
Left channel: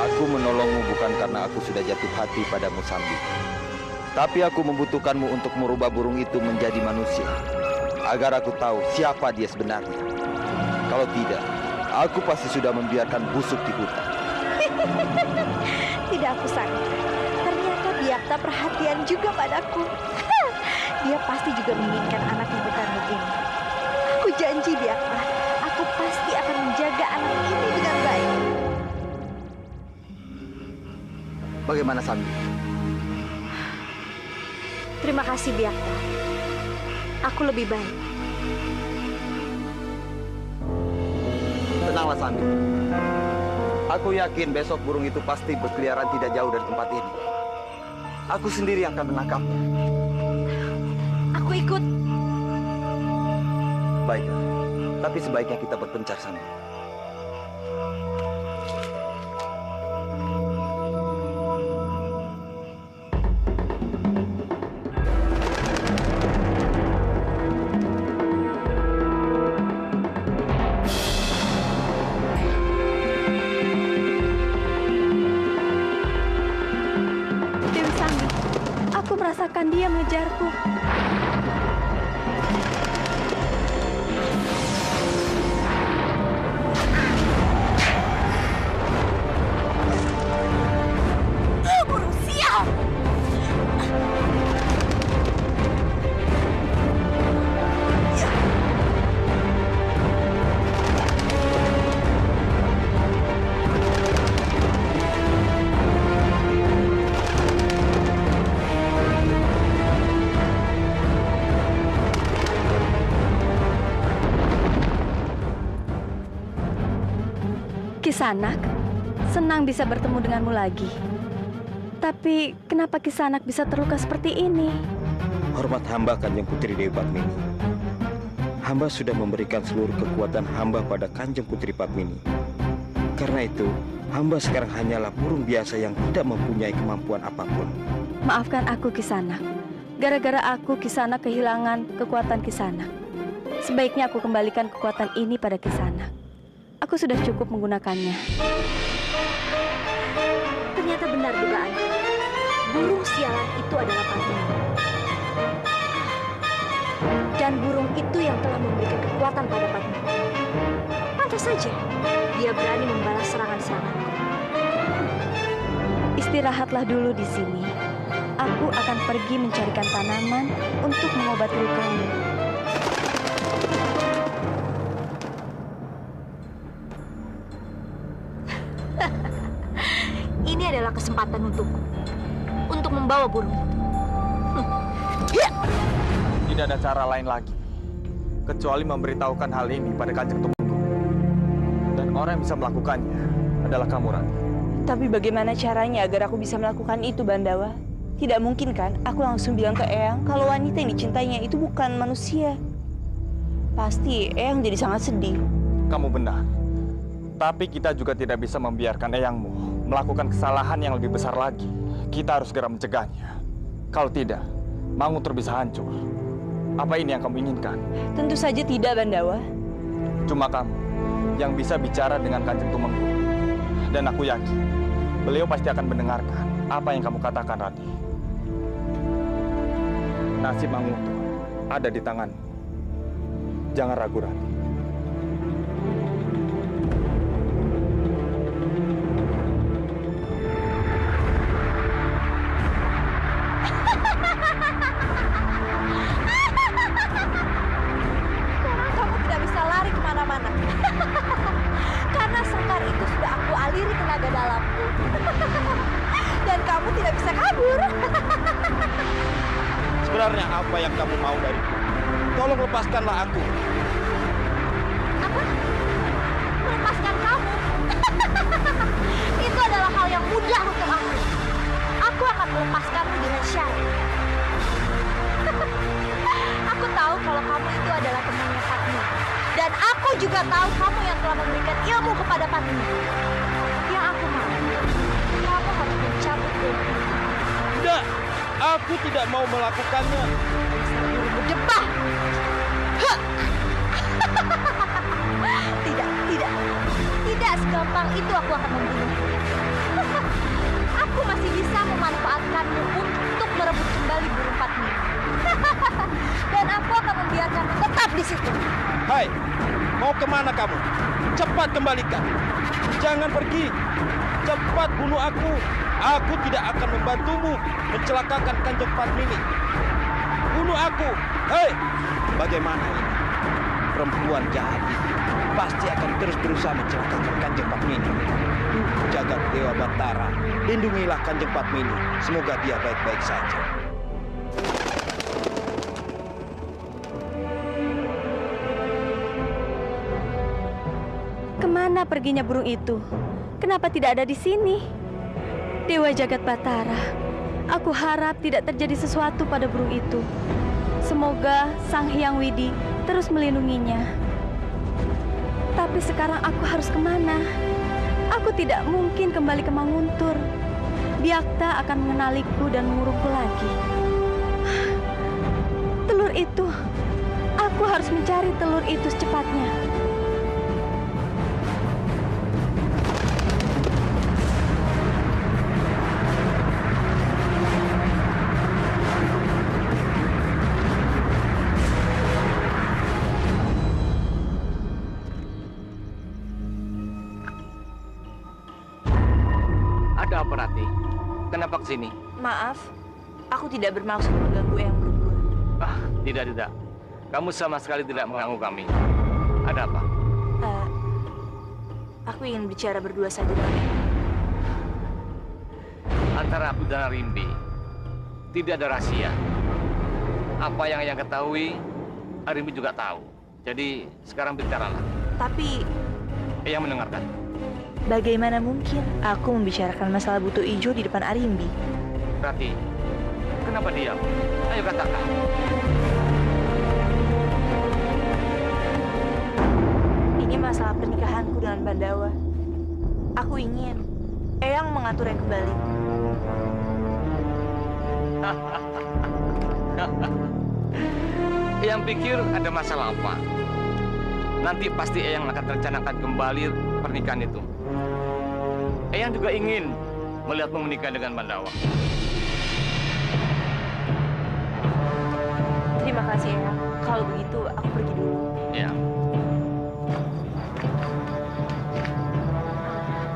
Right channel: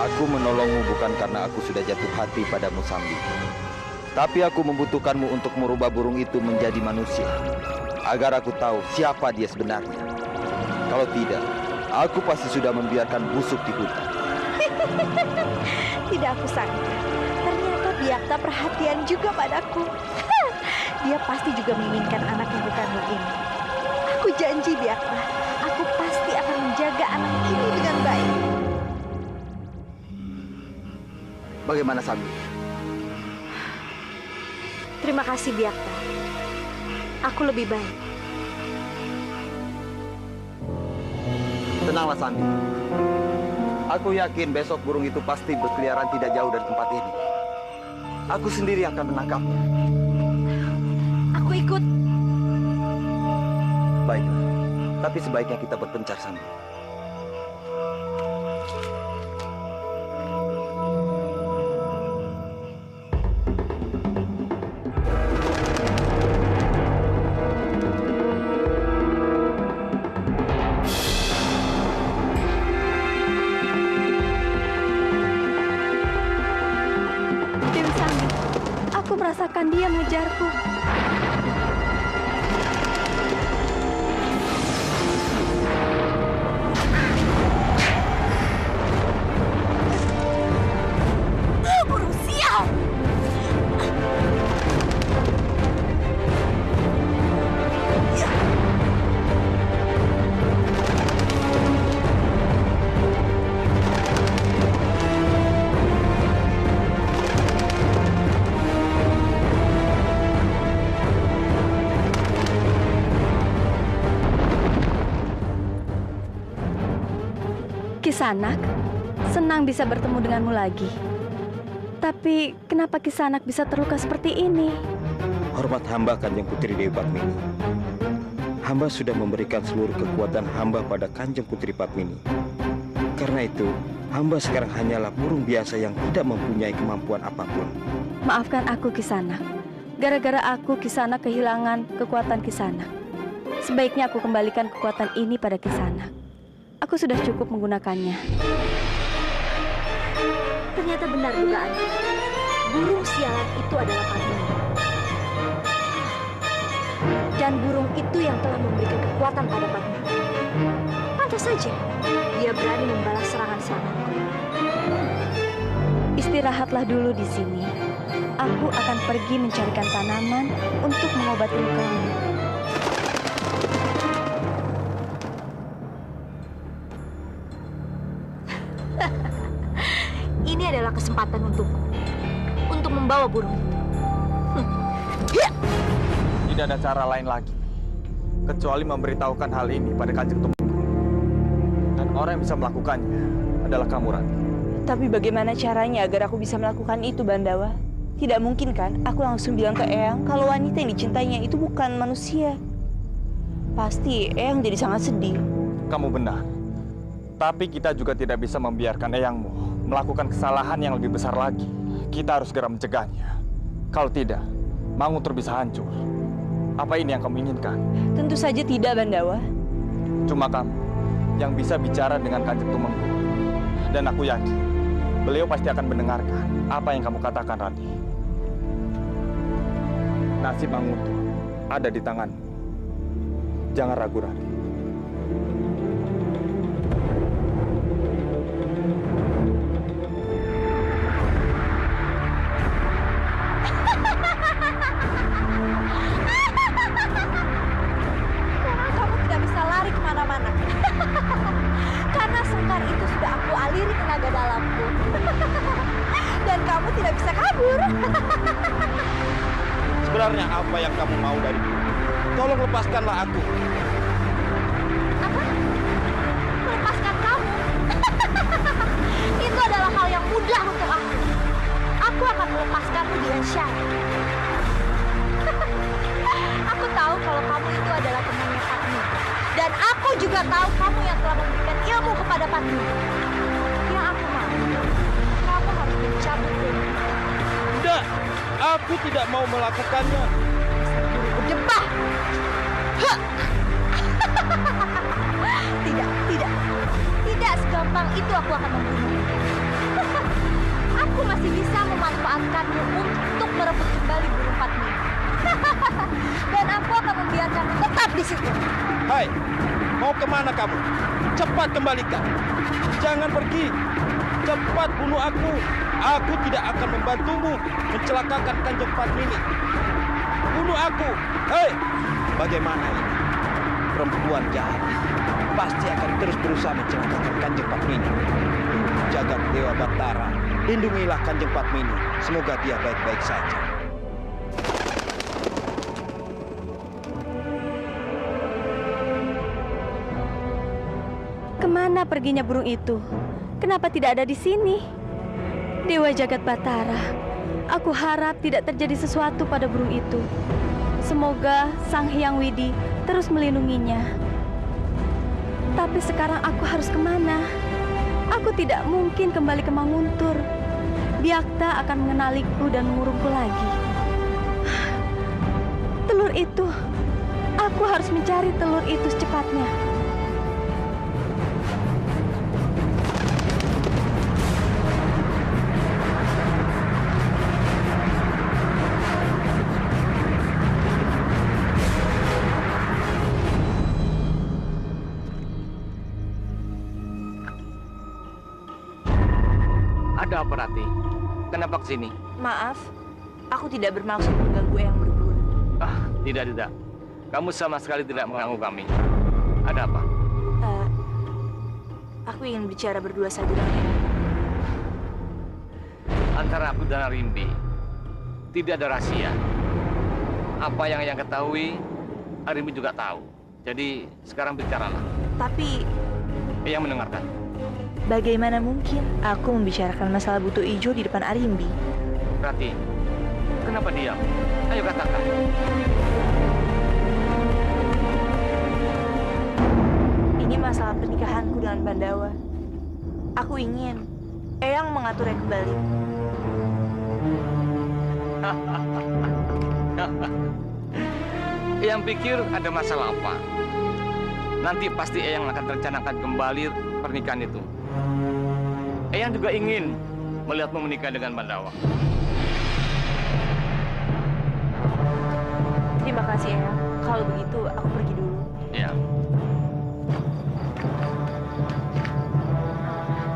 Aku menolongmu bukan karena aku sudah jatuh hati padamu, Sambi. Tapi aku membutuhkanmu untuk merubah burung itu menjadi manusia, agar aku tahu siapa dia sebenarnya. Kalau tidak, aku pasti sudah membiarkan busuk di hutan. Tidak aku sangka. Ternyata Byakta perhatian juga padaku. Dia pasti juga menginginkan anak yang berkandung ini. Aku janji Byakta, aku pasti akan menjaga anak ini dengan baik. Bagaimana, Sambi? Terima kasih Byakta. Aku lebih baik. Tenanglah, Sambi. Aku yakin besok burung itu pasti berkeliaran tidak jauh dari tempat ini. Aku sendiri akan menangkapnya. Aku ikut. Baiklah. Tapi sebaiknya kita berpencar sana. Dewi Sanggi, aku merasakan dia mengejarku. Burung sial! Kisanak, senang bisa bertemu denganmu lagi. Tapi kenapa Kisanak bisa terluka seperti ini? Hormat hamba Kanjeng Putri Dewi Padmini. Hamba sudah memberikan seluruh kekuatan hamba pada Kanjeng Putri Padmini. Karena itu, hamba sekarang hanyalah burung biasa yang tidak mempunyai kemampuan apapun. Maafkan aku Kisanak. Gara-gara aku Kisanak kehilangan kekuatan Kisanak. Sebaiknya aku kembalikan kekuatan ini pada Kisanak. Aku sudah cukup menggunakannya. Ternyata benar dugaan. Burung sialan itu adalah Padmini. Dan burung itu yang telah memberikan kekuatan pada Padmini. Pantas saja dia berani membalas serangan-seranganku. Istirahatlah dulu di sini. Aku akan pergi mencarikan tanaman untuk mengobati lukamu. Ini adalah kesempatan untukku untuk membawa burung. Tidak ada cara lain lagi kecuali memberitahukan hal ini pada Kanjeng Tumenggung. Dan orang yang bisa melakukannya adalah kamu, Rati. Tapi bagaimana caranya agar aku bisa melakukan itu, Bandawa? Tidak mungkin kan aku langsung bilang ke Eyang kalau wanita yang dicintainya itu bukan manusia. Pasti Eyang jadi sangat sedih. Kamu benar. Tapi kita juga tidak bisa membiarkan Eyangmu melakukan kesalahan yang lebih besar lagi. Kita harus segera mencegahnya. Kalau tidak, Manguntur bisa hancur. Apa ini yang kamu inginkan? Tentu saja tidak, Bandawa. Cuma kamu yang bisa bicara dengan Kanjeng Tumenggung. Dan aku yakin, beliau pasti akan mendengarkan apa yang kamu katakan, Rati. Nasib Manguntur ada di tanganmu. Jangan ragu, Rati. Sebenarnya apa yang kamu mau dariku? Tolong lepaskanlah aku. Apa? Melepaskan kamu? Itu adalah hal yang mudah untuk aku. Aku akan melepaskanmu dengan syarat. Aku tahu kalau kamu itu adalah temannya Padmini. Dan aku juga tahu kamu yang telah memberikan ilmu kepada Padmini. Yang aku mau, kamu harus mencabut ilmu. Tidak, aku tidak mau melakukannya. Dasar burung berdebah. Tidak segampang itu aku akan membunuhmu. Aku masih bisa memanfaatkanmu untuk merebut kembali burung Padmini. Dan aku akan membiarkanmu tetap di situ. Hai, mau kemana kamu? Cepat kembalikan. Jangan pergi. Cepat bunuh aku. Aku tidak akan membantumu mencelakakan Kanjeng Padmini. Bunuh aku. Hei, bagaimana ini? Perempuan jahat itu pasti akan terus berusaha mencelakakan Kanjeng Padmini. Jagat Dewa Batara, lindungilah Kanjeng Padmini. Semoga dia baik-baik saja. Kemana perginya burung itu? Kenapa tidak ada di sini? Dewa Jagat Batara, aku harap tidak terjadi sesuatu pada burung itu. Semoga Sang Hyang Widi terus melindunginya. Tapi sekarang aku harus kemana? Aku tidak mungkin kembali ke Manguntur. Biakta akan mengenaliku dan mengurungku lagi. Telur itu, aku harus mencari telur itu secepatnya. Ada apa, Rati? Kenapa kesini? Maaf, aku tidak bermaksud mengganggu Eyang berdua. Tidak. Kamu sama sekali tidak mengganggu kami. Ada apa? Aku ingin bicara berdua saja dengan Eyang. Antara aku dan Arimbi, tidak ada rahasia. Apa yang Eyang ketahui, Arimbi juga tahu. Jadi, sekarang bicaralah. Tapi, Eyang mendengarkan. bagaimana mungkin aku membicarakan masalah butuh ijo di depan Arimbi? Rati, kenapa diam? Ayo katakan. Ini masalah pernikahanku dengan Bandawa. Aku ingin Eyang mengaturnya kembali. Eyang pikir ada masalah apa? Nanti pasti Eyang akan rencanakan kembali pernikahan itu. Eyang juga ingin melihatmu menikah dengan Bandawa. Terima kasih Eyang. Kalau begitu aku pergi dulu. Ya.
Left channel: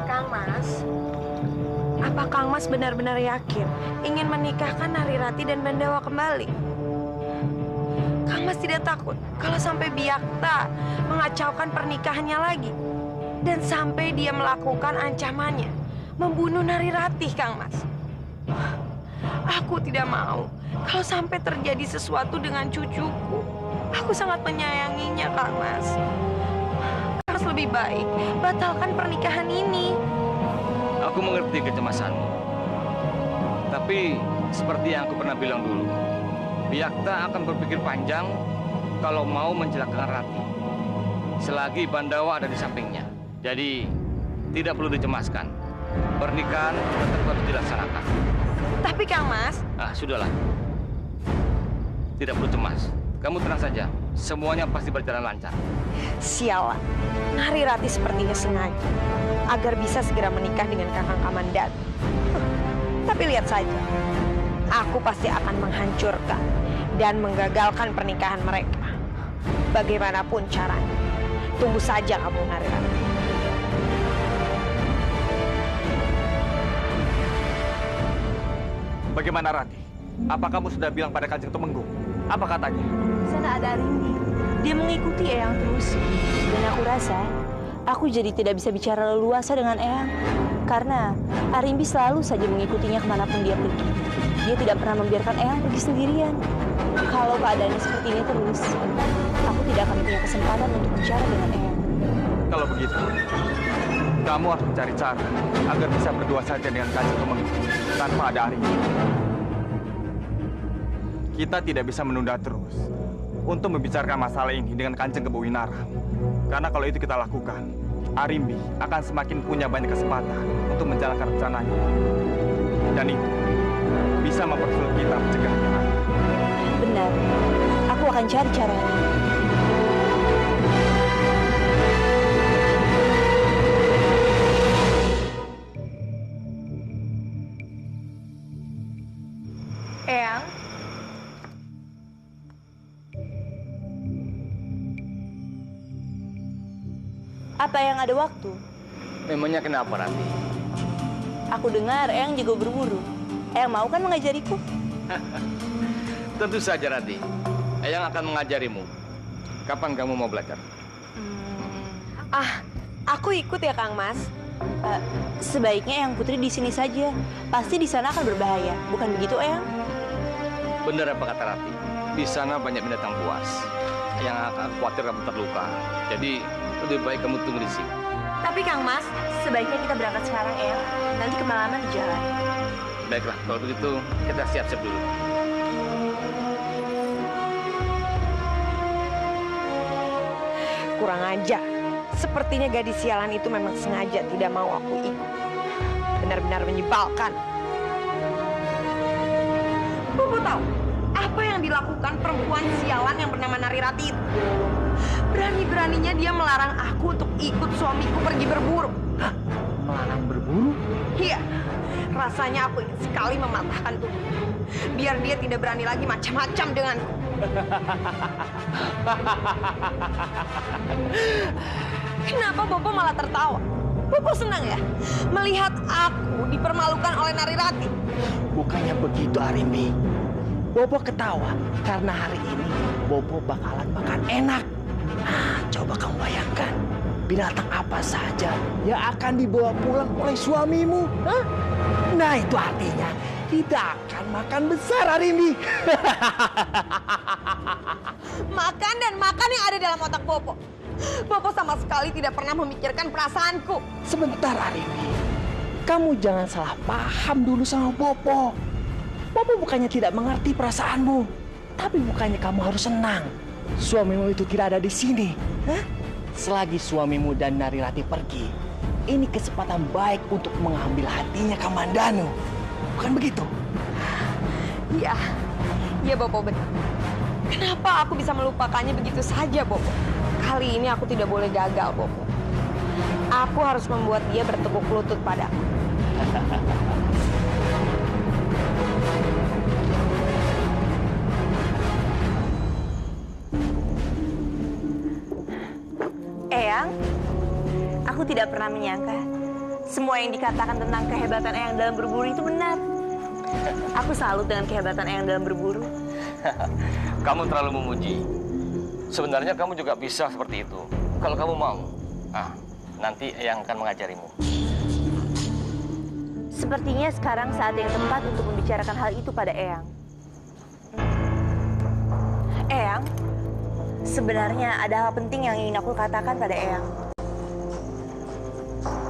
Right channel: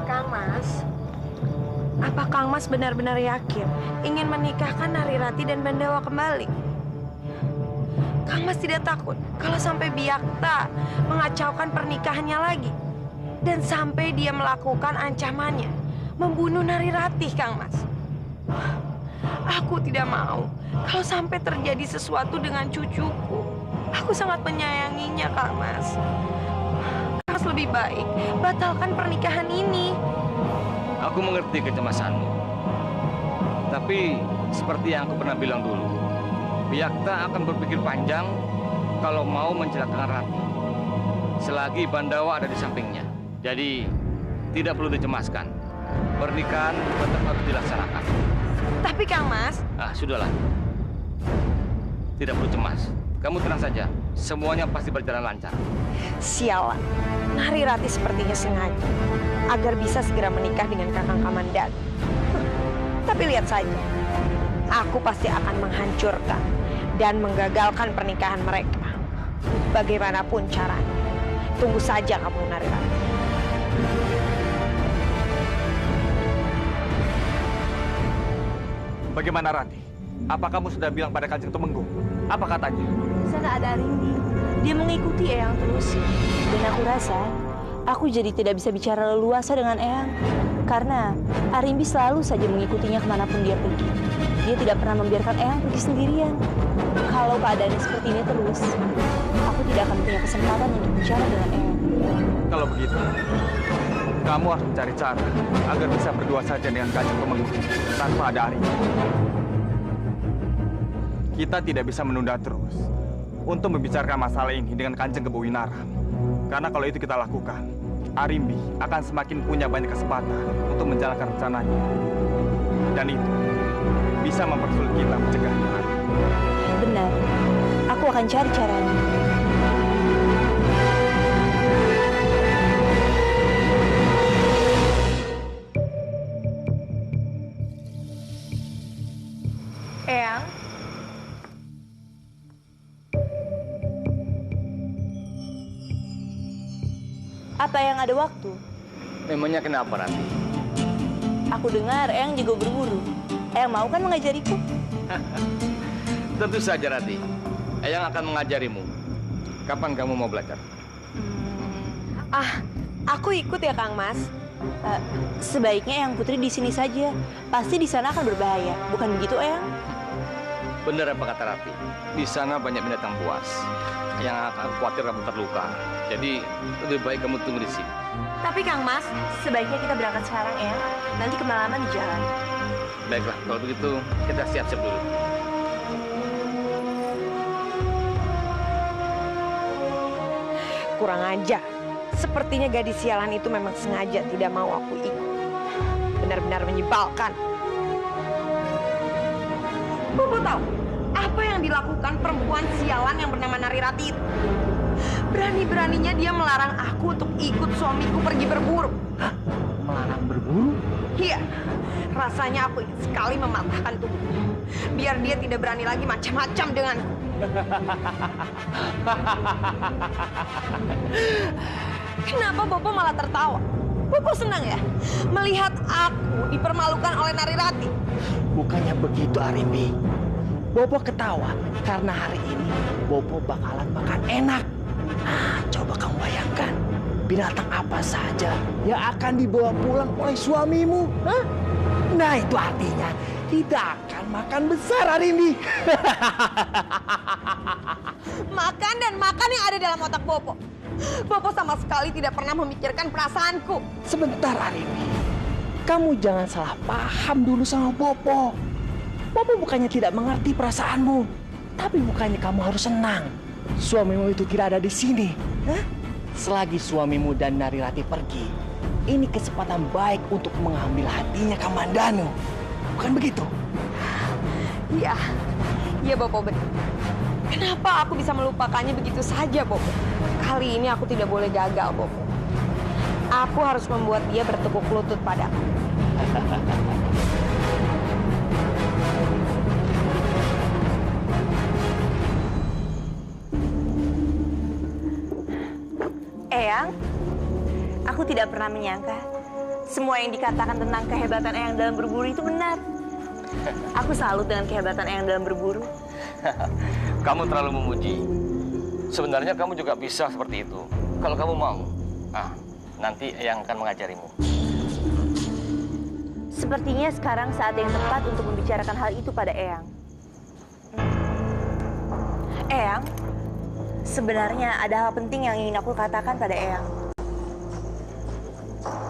Kang Mas, apa Kang Mas benar-benar yakin ingin menikahkan Narirati dan Bandawa kembali? Kang Mas tidak takut kalau sampai Biakta mengacaukan pernikahannya lagi dan sampai dia melakukan ancamannya membunuh Narirati, Kang Mas? Aku tidak mau kalau sampai terjadi sesuatu dengan cucuku. Aku sangat menyayanginya, Kang Mas. Kang Mas lebih baik batalkan pernikahan ini. Aku mengerti kecemasanmu. Tapi seperti yang aku pernah bilang dulu, Biakta akan berpikir panjang kalau mau mencelakakan Rati. Selagi Bandawa ada di sampingnya. Jadi tidak perlu dicemaskan. Pernikahan tetap harus dilaksanakan. Tapi Kang Mas, Sudahlah. Tidak perlu cemas. Kamu tenang saja. Semuanya pasti berjalan lancar. sialan. Narirati sepertinya sengaja agar bisa segera menikah dengan Kakang Kamandan. Tapi lihat saja, aku pasti akan menghancurkan dan menggagalkan pernikahan mereka. Bagaimanapun caranya. Tunggu saja kamu, Narirati. Bagaimana Rati? Apa kamu sudah bilang pada Kanjeng Tumenggung? Apa katanya? Di sana ada Arimbi. Dia mengikuti Eyang terus. Dan aku rasa, aku jadi tidak bisa bicara leluasa dengan Eyang. Karena Arimbi selalu saja mengikutinya kemanapun dia pergi. Dia tidak pernah membiarkan Eyang pergi sendirian. Kalau keadaannya seperti ini terus, aku tidak akan punya kesempatan untuk bicara dengan Eyang. Kalau begitu, kamu harus mencari cara agar bisa berdua saja dengan Kanjeng Tumenggung tanpa ada Arimbi. Kita tidak bisa menunda terus untuk membicarakan masalah ini dengan Kanjeng Kebowinara. Karena kalau itu kita lakukan, Arimbi akan semakin punya banyak kesempatan untuk menjalankan rencananya. Dan itu bisa mempersulit kita mencegahnya. Benar, aku akan cari caranya. Eyang, apa yang ada waktu? Memangnya kenapa, Rati? Aku dengar Eyang juga berburu. Eyang mau kan mengajariku? Tentu saja, Rati. Eyang akan mengajarimu. Kapan kamu mau belajar? aku ikut ya, Kang Mas. Sebaiknya Eyang Putri di sini saja. Pasti di sana akan berbahaya. Bukan begitu, Eyang? Benar apa kata Rati? Di sana banyak binatang buas yang akan khawatir kamu terluka. Jadi lebih baik kamu tunggu di sini. Tapi Kang Mas, sebaiknya kita berangkat sekarang, Eyang. Nanti kemalaman di jalan. Baiklah, kalau begitu kita siap-siap dulu. Kurang ajar. Sepertinya gadis sialan itu memang sengaja tidak mau aku ikut. Benar-benar menyebalkan. Bobo tahu apa yang dilakukan perempuan sialan yang bernama Narirati itu? Berani-beraninya dia melarang aku untuk ikut suamiku pergi berburu. Hah? Melarang berburu? Iya, rasanya aku ingin sekali mematahkan tubuh. Biar dia tidak berani lagi macam-macam denganku. Kenapa Bobo malah tertawa? Bobo senang ya melihat aku dipermalukan oleh Narirati? Bukannya begitu, Arimbi. Bobo ketawa karena hari ini Bobo bakalan makan enak. Coba kamu bayangkan, binatang apa saja yang akan dibawa pulang oleh suamimu? Hah? Nah, itu artinya tidak akan makan besar, Arimbi. Makan dan makan yang ada dalam otak Bobo. Bobo sama sekali tidak pernah memikirkan perasaanku. Sebentar, Arimbi. Kamu jangan salah paham dulu sama Bobo. Bobo bukannya tidak mengerti perasaanmu, tapi bukannya kamu harus senang. Suamimu itu tidak ada di sini. Hah? Selagi suamimu dan Narirati pergi, ini kesempatan baik untuk mengambil hatinya Kamandanu. Bukan begitu? Iya, iya Bobo benar. Kenapa aku bisa melupakannya begitu saja, Bobo? Kali ini aku tidak boleh gagal, Bobo. Aku harus membuat dia bertekuk lutut padaku. Eyang, aku tidak pernah menyangka semua yang dikatakan tentang kehebatan Eyang dalam berburu itu benar. Aku salut dengan kehebatan Eyang dalam berburu. Kamu terlalu memuji. Sebenarnya kamu juga bisa seperti itu. Kalau kamu mau, nanti Eyang akan mengajarimu. Sepertinya sekarang saat yang tepat untuk membicarakan hal itu pada Eyang. Eyang, sebenarnya ada hal penting yang ingin aku katakan pada Eyang.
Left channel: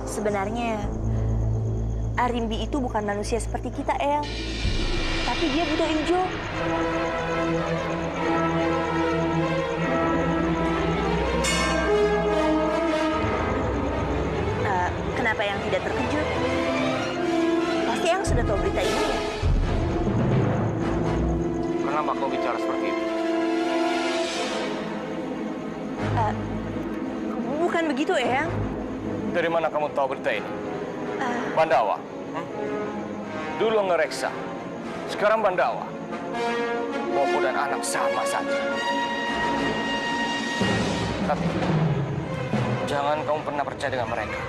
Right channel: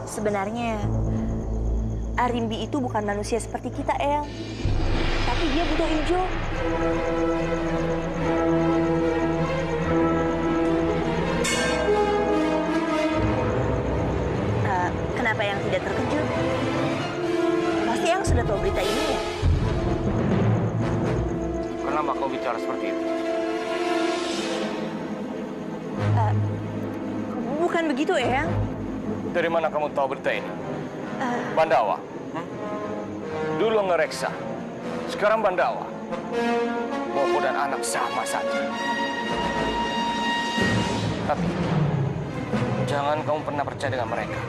Sebenarnya, Arimbi itu bukan manusia seperti kita, Eyang. Tapi dia butuh Injo. Kenapa Eyang tidak terkejut? Pasti Eyang sudah tahu berita ini ya? Kenapa kau bicara seperti itu? Bukan begitu, Eyang. Dari mana kamu tahu berita ini? Bandawa. Dulu ngereksa, sekarang Bandawa. Bobo dan anak sama saja. Tapi jangan kamu pernah percaya dengan mereka.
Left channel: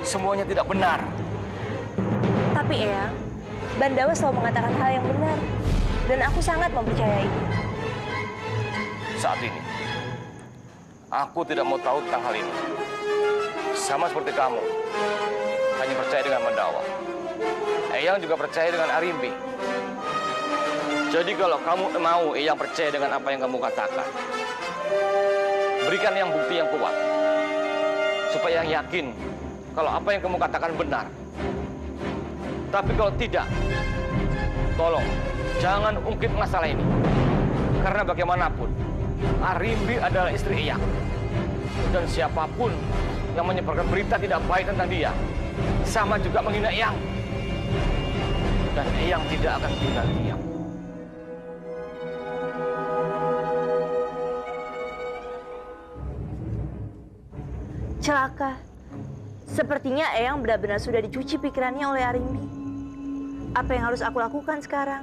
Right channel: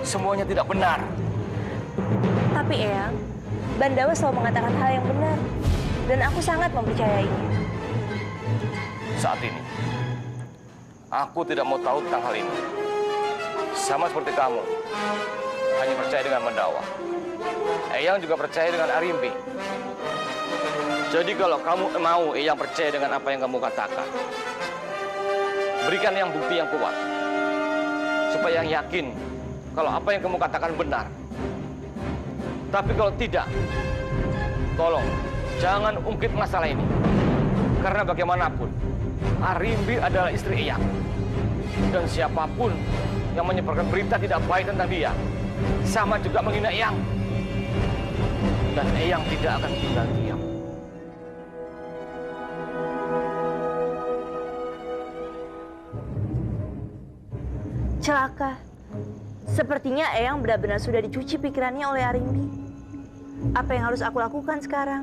Semuanya tidak benar. Tapi Eyang, Bandawa selalu mengatakan hal yang benar. Dan aku sangat mempercayainya. Saat ini, aku tidak mau tahu tentang hal ini. Sama seperti kamu, hanya percaya dengan Bandawa. Eyang juga percaya dengan Arimbi. Jadi kalau kamu mau Eyang percaya dengan apa yang kamu katakan, berikan Eyang bukti yang kuat. Supaya Eyang yakin kalau apa yang kamu katakan benar. Tapi kalau tidak, tolong jangan ungkit masalah ini. Karena bagaimanapun, Arimbi adalah istri Eyang. Dan siapapun yang menyebarkan berita tidak baik tentang dia, sama juga menghina Eyang. Dan Eyang tidak akan tinggal diam. Celaka. Sepertinya Eyang benar-benar sudah dicuci pikirannya oleh Arimbi. Apa yang harus aku lakukan sekarang?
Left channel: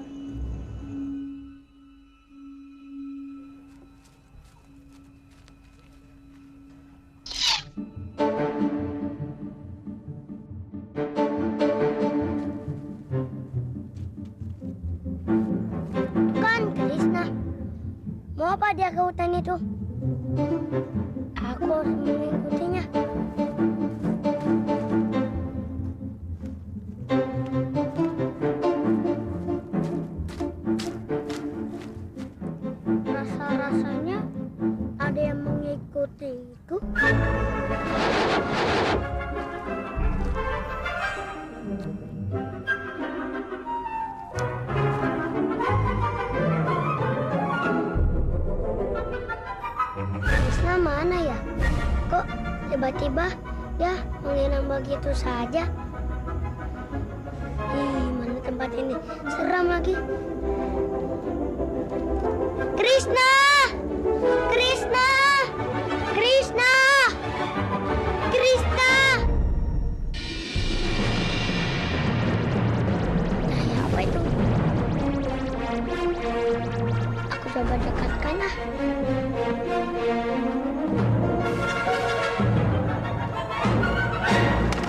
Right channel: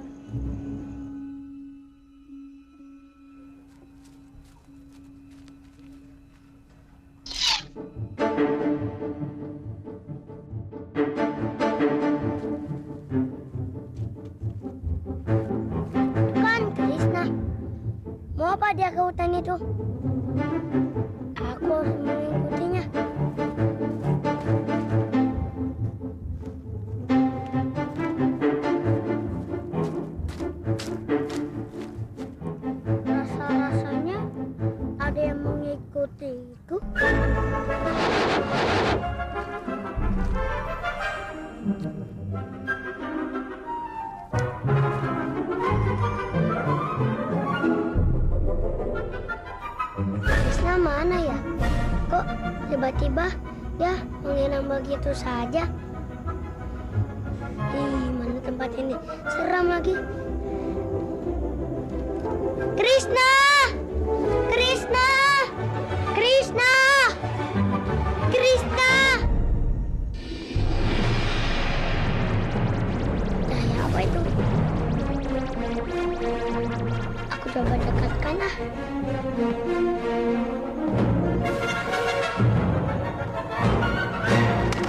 Kan Krishna, mau apa dia ke hutan itu? Aku harus mengikutinya. Rasa-rasanya ada yang mengikutiku. Krishna mana ya? Kok Tiba-tiba ya menghilang begitu saja. Mana tempat ini? Seram lagi. Krishna! Krishna! Krishna! Krishna! Nah, apa itu? Aku coba dekatkan ah.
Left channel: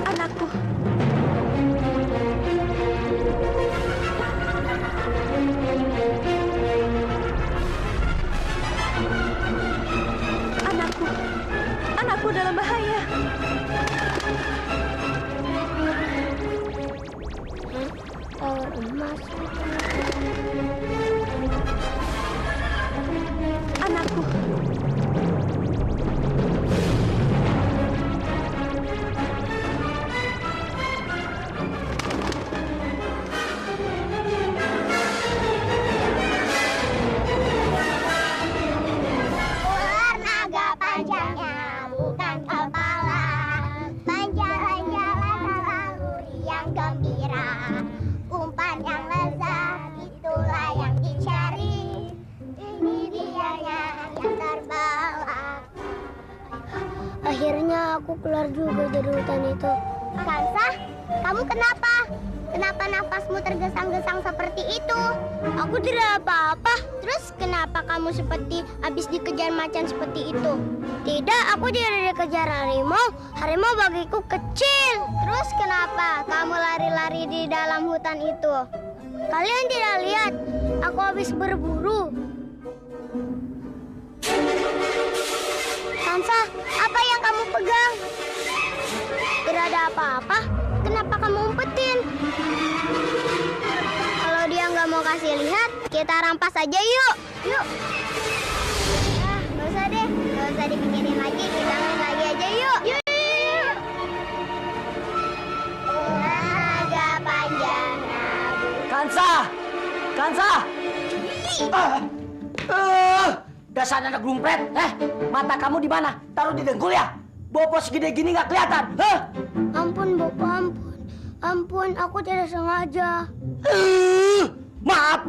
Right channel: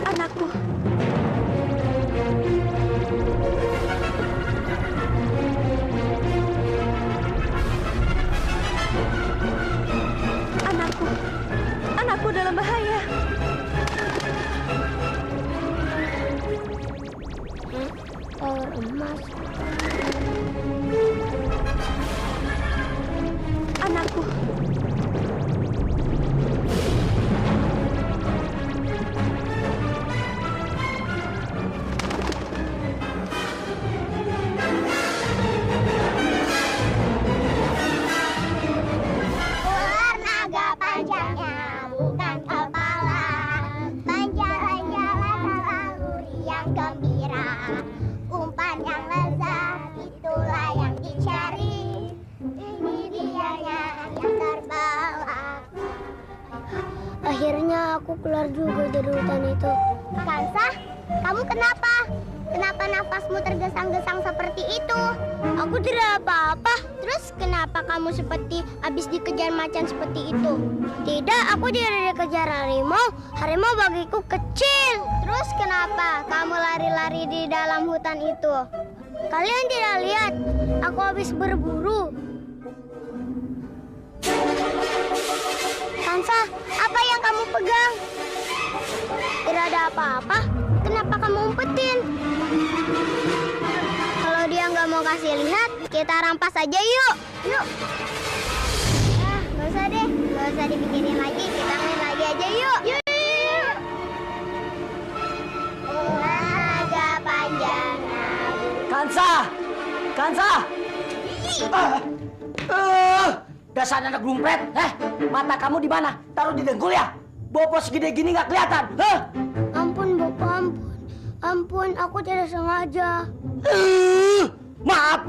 Anakku. Anakku. Anakku dalam bahaya. Kolor emas. Anakku. Ular naga panjangnya bukan kepala, jalan-jalan selalu riang gembira. Umpan yang lezat itulah yang dicari. Ini dianya yang terbawa. Akhirnya aku keluar juga dari hutan itu. Kansa, kamu kenapa? Kenapa nafasmu tergesang-gesang seperti itu? Aku tidak apa-apa. Terus kenapa kamu seperti habis dikejar macan seperti itu? Tidak, aku tidak dikejar harimau. Harimau bagiku kecil. Terus kenapa kamu lari-lari di dalam hutan itu? Kalian tidak lihat? Aku habis berburu. Sansa, apa yang kamu pegang? Tidak ada apa-apa. Kenapa kamu umpetin? Kalau dia nggak mau kasih lihat, kita rampas aja yuk. Yuk. Ah, nggak usah deh. Nggak usah dipikirin lagi. Kita main lagi aja yuk. Yuk. Naga panjang. Kansa! Kansa! Dasar anak gumpret. Mata kamu di mana? Taruh di dengkul ya? Bopo segede gini nggak kelihatan. Ampun, Bopo, ampun. Ampun, aku tidak sengaja. Maaf.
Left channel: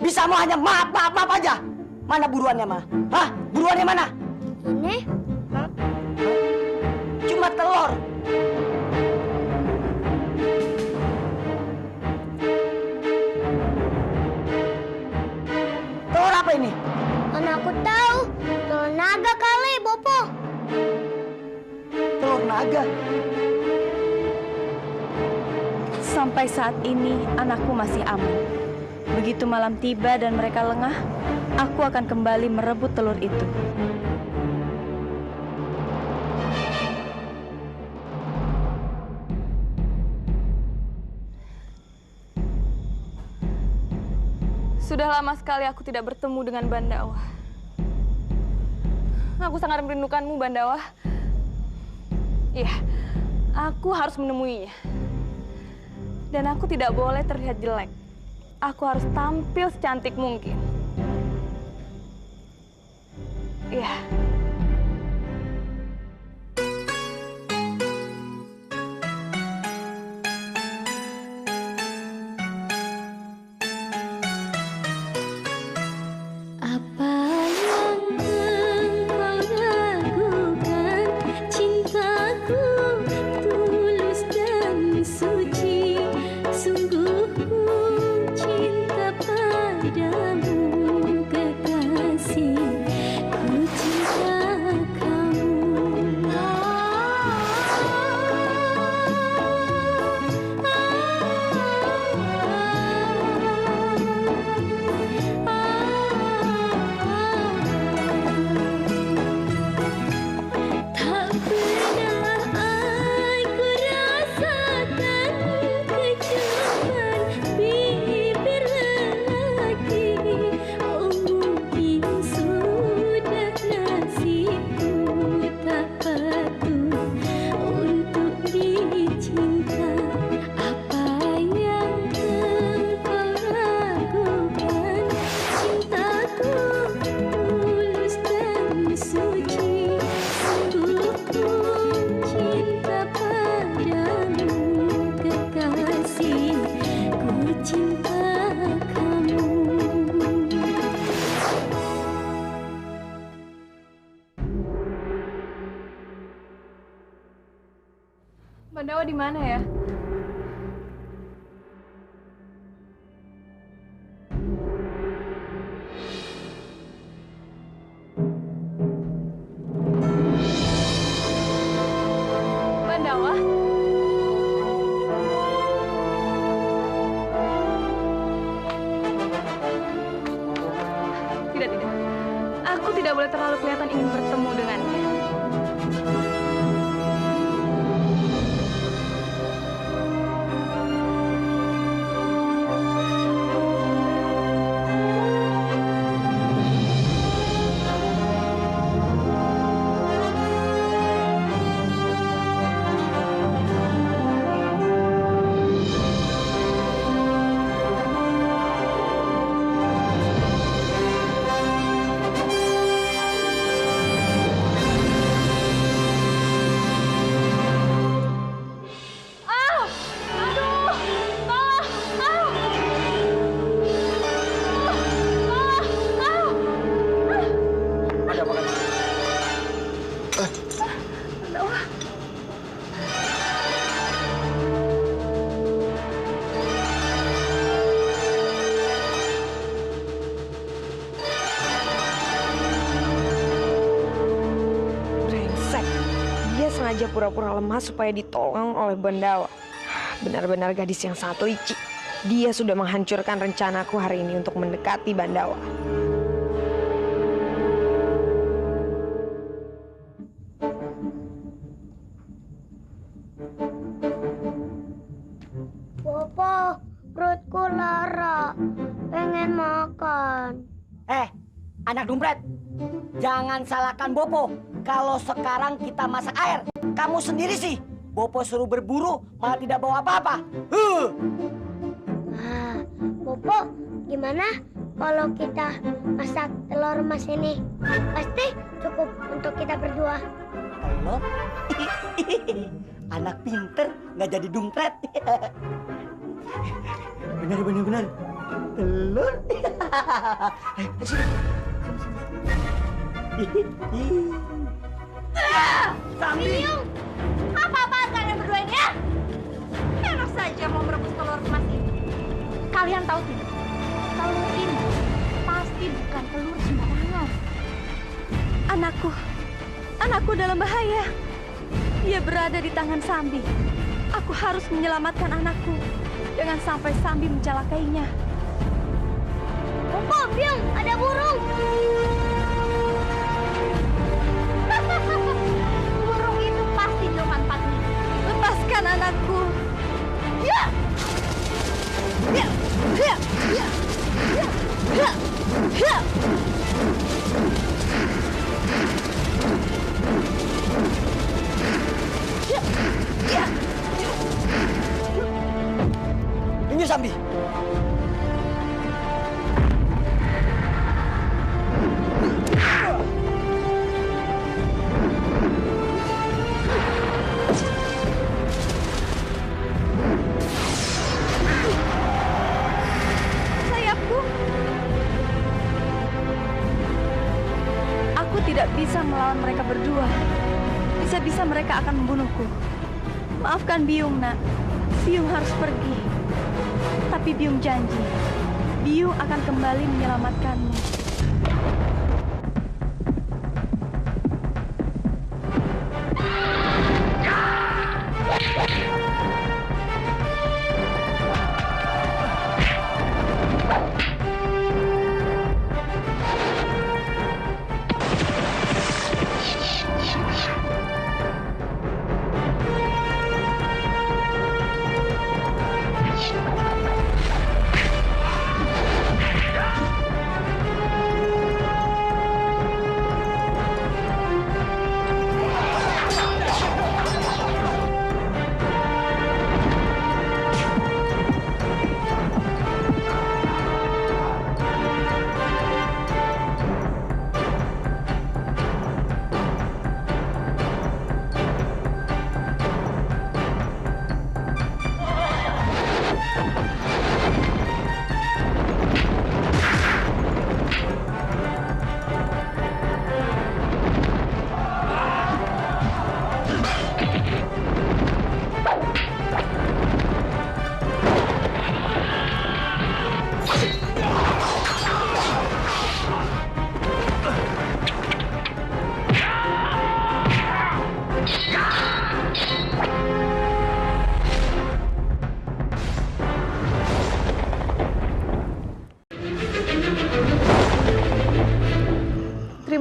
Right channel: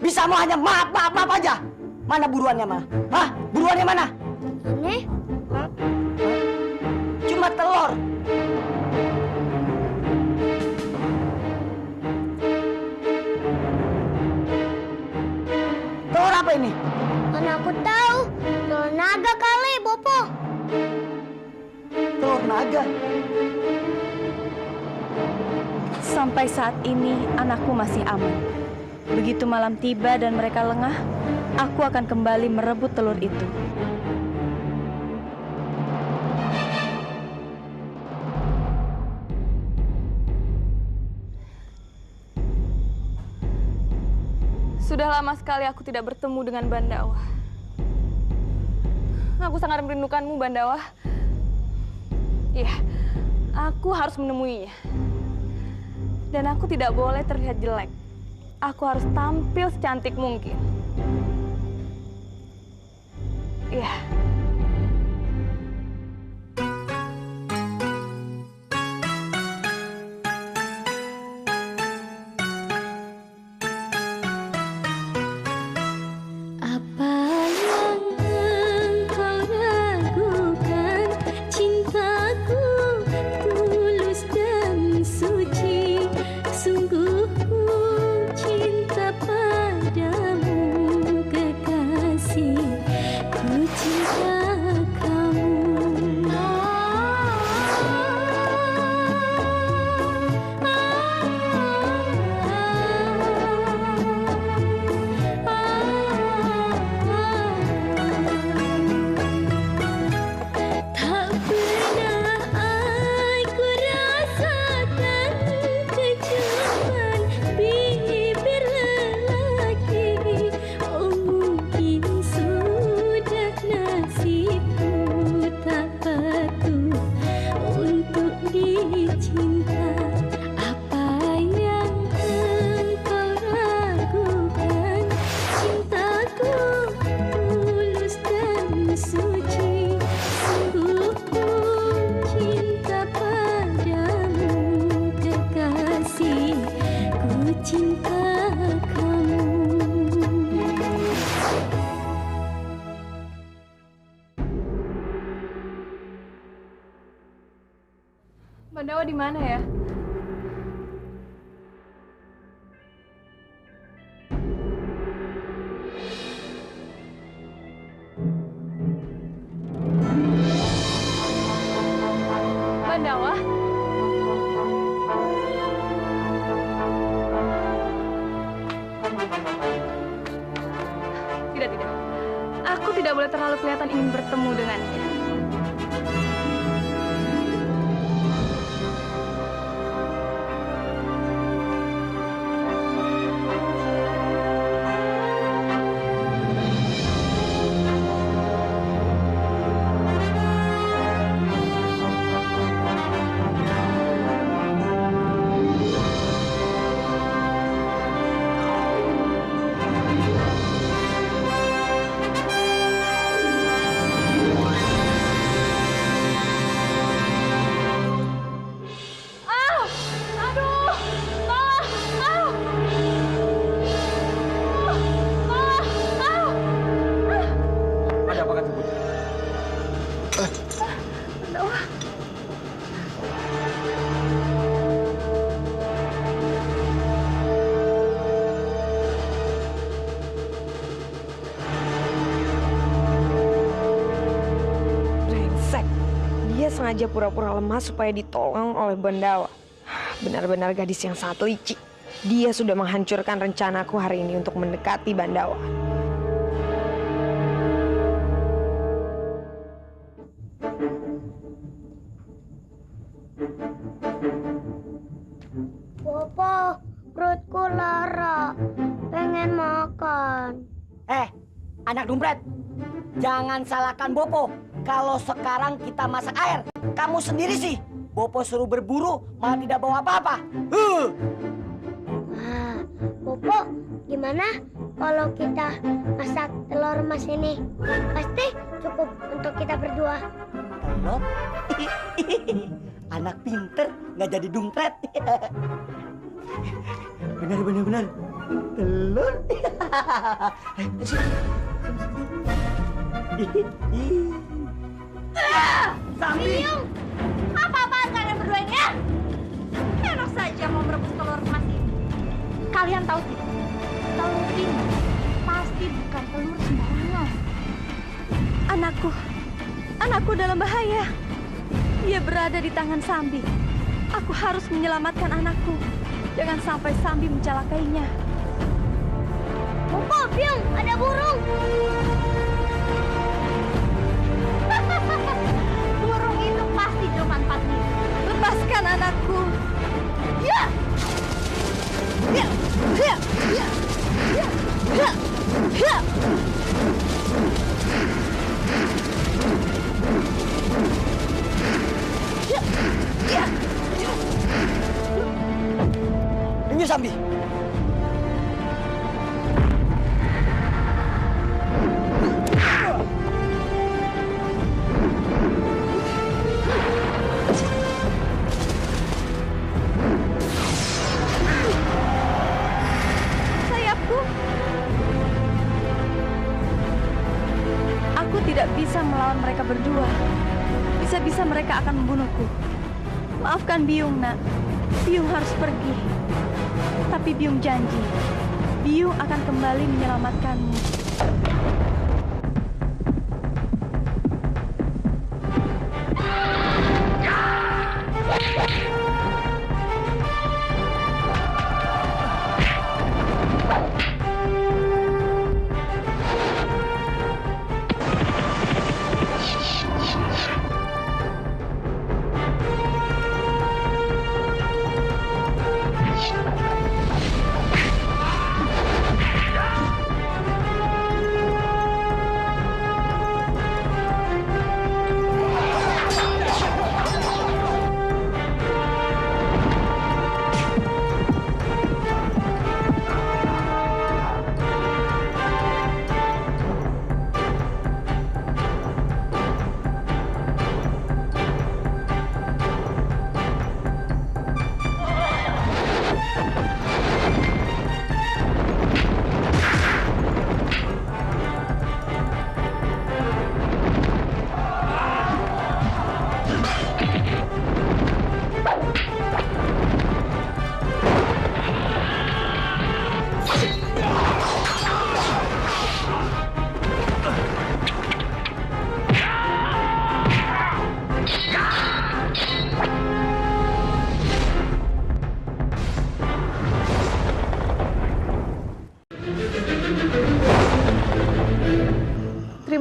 Bisa mau hanya maaf aja. Mana buruannya, Ma? Hah? Buruannya mana? Ini? Cuma telur. Telur apa ini? Mana aku tahu. Telur naga kali, Bopo. Telur naga. Sampai saat ini anakku masih aman. Begitu malam tiba dan mereka lengah, aku akan kembali merebut telur itu. Sudah lama sekali aku tidak bertemu dengan Bandawa. Aku sangat merindukanmu, Bandawa. Iya, aku harus menemuinya. Dan aku tidak boleh terlihat jelek. Aku harus tampil secantik mungkin. Iya. Apa yang engkau ragukan? Cintaku tulus dan suci. Sungguh ku cinta padamu kekasih. Ku cinta cinta kamu. Bandawa di mana ya? Bandawa? Tidak. Aku tidak boleh terlalu kelihatan ingin bertemu dengannya. Dia sengaja pura-pura lemah supaya ditolong oleh Bandawa. Benar-benar gadis yang satu ici. Dia sudah menghancurkan rencanaku hari ini untuk mendekati Bandawa. Bopo, perutku lara. Pengen makan. Anak dompet, jangan salahkan Bopo. Kalau sekarang kita masak air, kamu sendiri sih. Bopo suruh berburu, malah tidak bawa apa-apa. Bopo, gimana kalau kita masak telur emas ini? Pasti cukup untuk kita berdua. Telur? Anak pinter, nggak jadi dompet. Benar. Telur. Sambi, apa-apaan kalian berdua ini ya? Enak saja mau merebus telur emas ini. Kalian tahu tidak? Telur ini pasti bukan telur sembarangan. Anakku dalam bahaya. Dia berada di tangan Sambi. Aku harus menyelamatkan anakku. Jangan sampai Sambi mencelakainya. Bopo, Biung, ada burung. Burung itu pasti cuma 4 minggu. Lepaskan anakku. Ya. Ini Sambi. Aku tidak bisa melawan mereka berdua. Bisa-bisa mereka akan membunuhku. Maafkan Biung, nak. Biung harus pergi. Tapi Biung janji, Biung akan kembali menyelamatkanmu.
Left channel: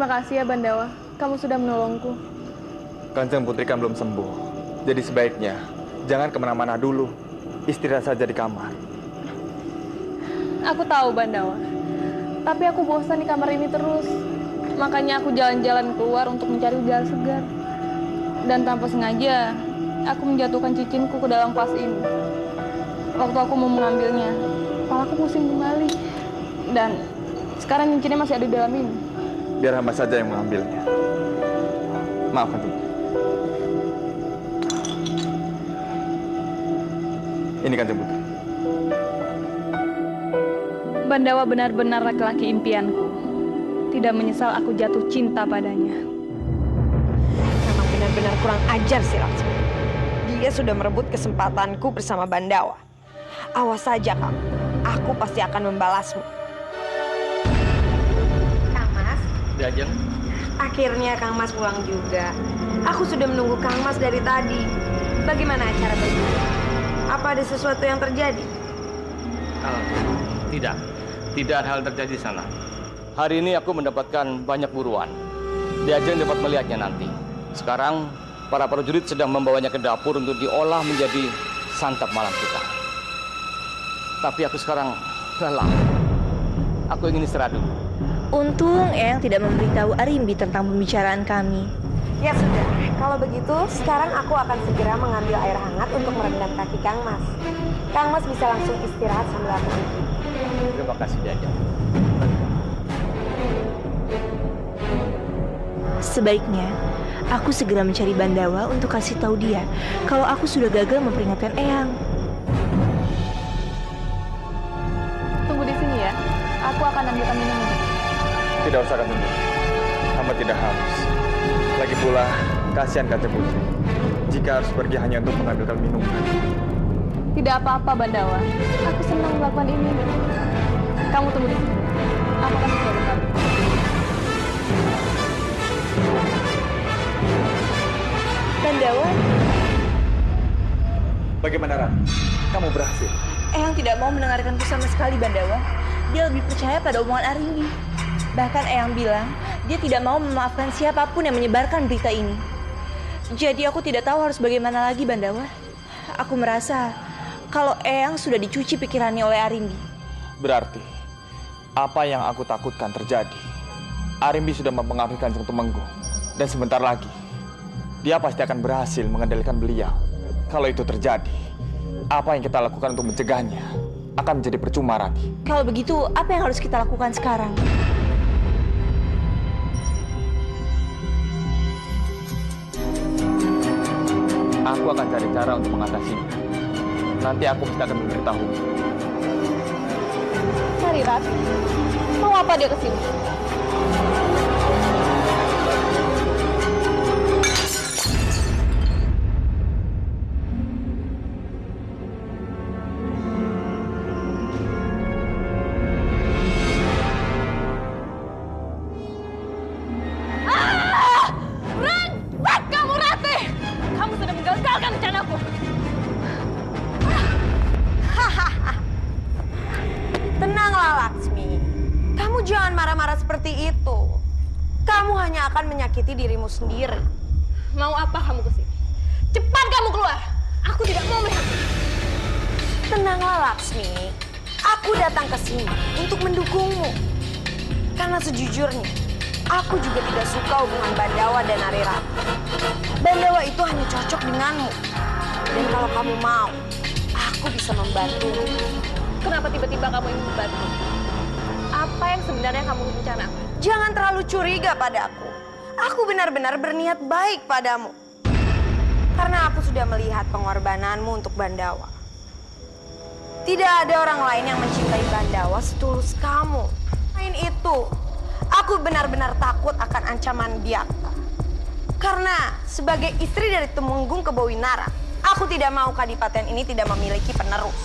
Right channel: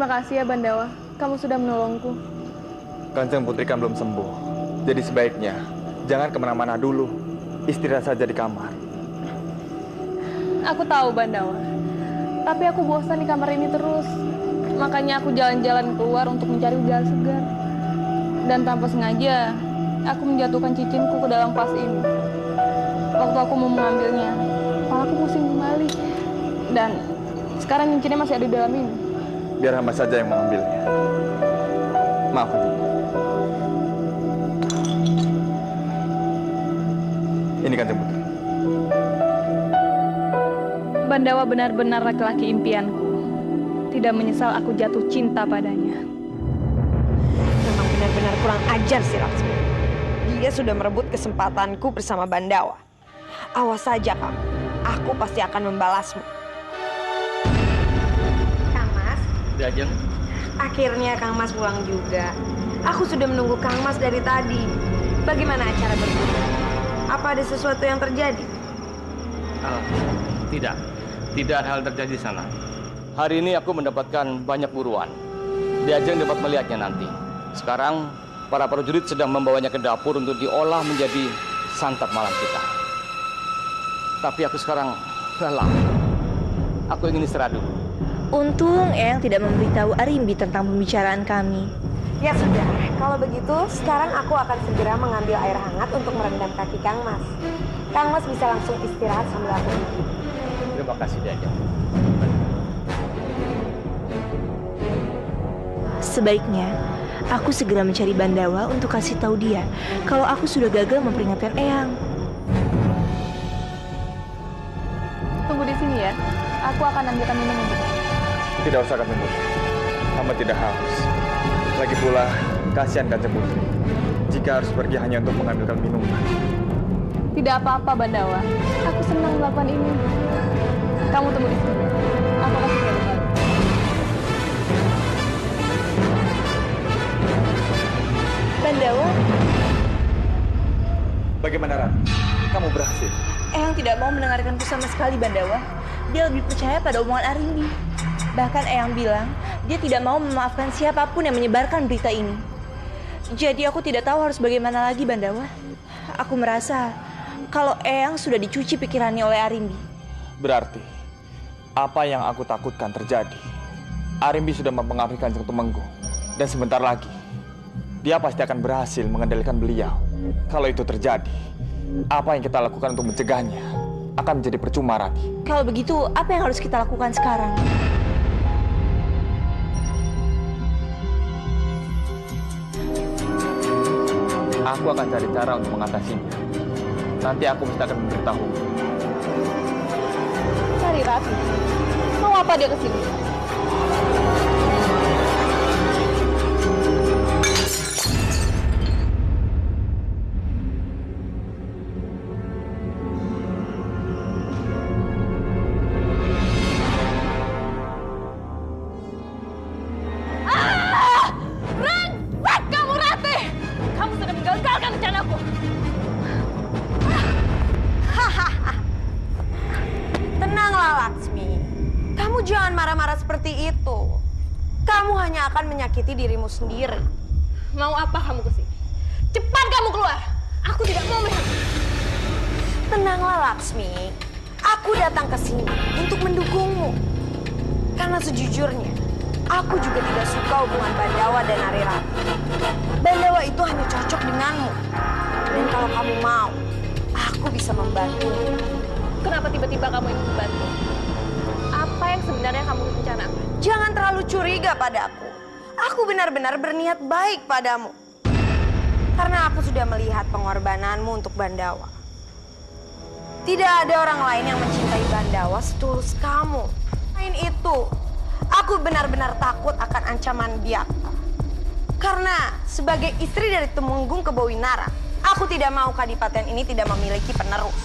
Terima kasih ya Bandawa, kamu sudah menolongku. Kanjeng Putri kan belum sembuh. Jadi sebaiknya jangan kemana-mana dulu. Istirahat saja di kamar. Aku tahu Bandawa, tapi aku bosan di kamar ini terus. Makanya aku jalan-jalan keluar untuk mencari udara segar. Dan tanpa sengaja, aku menjatuhkan cicinku ke dalam vas ini. Waktu aku mau mengambilnya, kepalaku pusing kembali. Dan sekarang cincinnya masih ada di dalam ini. Biar hamba saja yang mengambilnya. Maaf, Kanjeng. Ini Kanjeng Putri. Bandawa benar-benar laki-laki impianku. Tidak menyesal aku jatuh cinta padanya. Memang benar-benar kurang ajar si Laksmi. Dia sudah merebut kesempatanku bersama Bandawa. Awas saja kamu, aku pasti akan membalasmu. Kang Mas? Ajeng. Akhirnya Kang Mas pulang juga. Aku sudah menunggu Kang Mas dari tadi. Bagaimana acara berburu? Apa ada sesuatu yang terjadi? Tidak ada hal terjadi di sana. Hari ini aku mendapatkan banyak buruan. Diajeng dapat melihatnya nanti. Sekarang para prajurit sedang membawanya ke dapur untuk diolah menjadi santap malam kita. Tapi aku sekarang lelah. Aku ingin istirahat dulu. Untung Eyang tidak memberitahu Arimbi tentang pembicaraan kami. Ya sudah, kalau begitu sekarang aku akan segera mengambil air hangat untuk merendam kaki Kang Mas. Kang Mas bisa langsung istirahat sambil aku gigi. Terima kasih Diajeng. Sebaiknya aku segera mencari Bandawa untuk kasih tahu dia kalau aku sudah gagal memperingatkan Eyang. Tunggu di sini ya, aku akan ambilkan minum untuk. Tidak usah Kanjeng Putri. Hamba tidak haus. Lagi pula, kasihan Kanjeng Putri jika harus pergi hanya untuk mengambilkan minuman. Tidak apa-apa Bandawa, aku senang melakukan ini. Kamu tunggu di sini, aku akan segera kembali. Bandawa, Bagaimana Ran? Kamu berhasil? Eyang tidak mau mendengarkanku sama sekali Bandawa. Dia lebih percaya pada omongan Arimbi. Bahkan Eyang bilang dia tidak mau memaafkan siapapun yang menyebarkan berita ini. Jadi aku tidak tahu harus bagaimana lagi Bandawa. Aku merasa kalau Eyang sudah dicuci pikirannya oleh Arimbi. Berarti apa yang aku takutkan terjadi. Arimbi sudah mempengaruhi Kanjeng Tumenggung. Dan sebentar lagi dia pasti akan berhasil mengendalikan beliau. Kalau itu terjadi, apa yang kita lakukan untuk mencegahnya akan menjadi percuma, Rati. Kalau begitu, apa yang harus kita lakukan sekarang? Aku akan cari cara untuk mengatasinya. Nanti aku mesti akan memberitahu. Cari Rati. Mau apa dia kesini? Menyakiti dirimu sendiri. Mau apa kamu kesini? Cepat kamu keluar. Aku tidak mau melihat. Tenanglah Laksmi. Aku datang ke sini untuk mendukungmu. Karena sejujurnya, aku juga tidak suka hubungan Bandawa dan Arirati. Bandawa itu hanya cocok denganmu. Dan kalau kamu mau, aku bisa membantumu. Kenapa tiba-tiba kamu ingin membantu? Apa yang sebenarnya kamu rencanakan? Jangan terlalu curiga padaku. Aku benar-benar berniat baik padamu. Karena aku sudah melihat pengorbananmu untuk Bandawa. Tidak ada orang lain yang mencintai Bandawa setulus kamu. Selain itu, aku benar-benar takut akan ancaman Biakta. Karena sebagai istri dari Tumenggung Kebawinara, aku tidak mau kadipaten ini tidak memiliki penerus.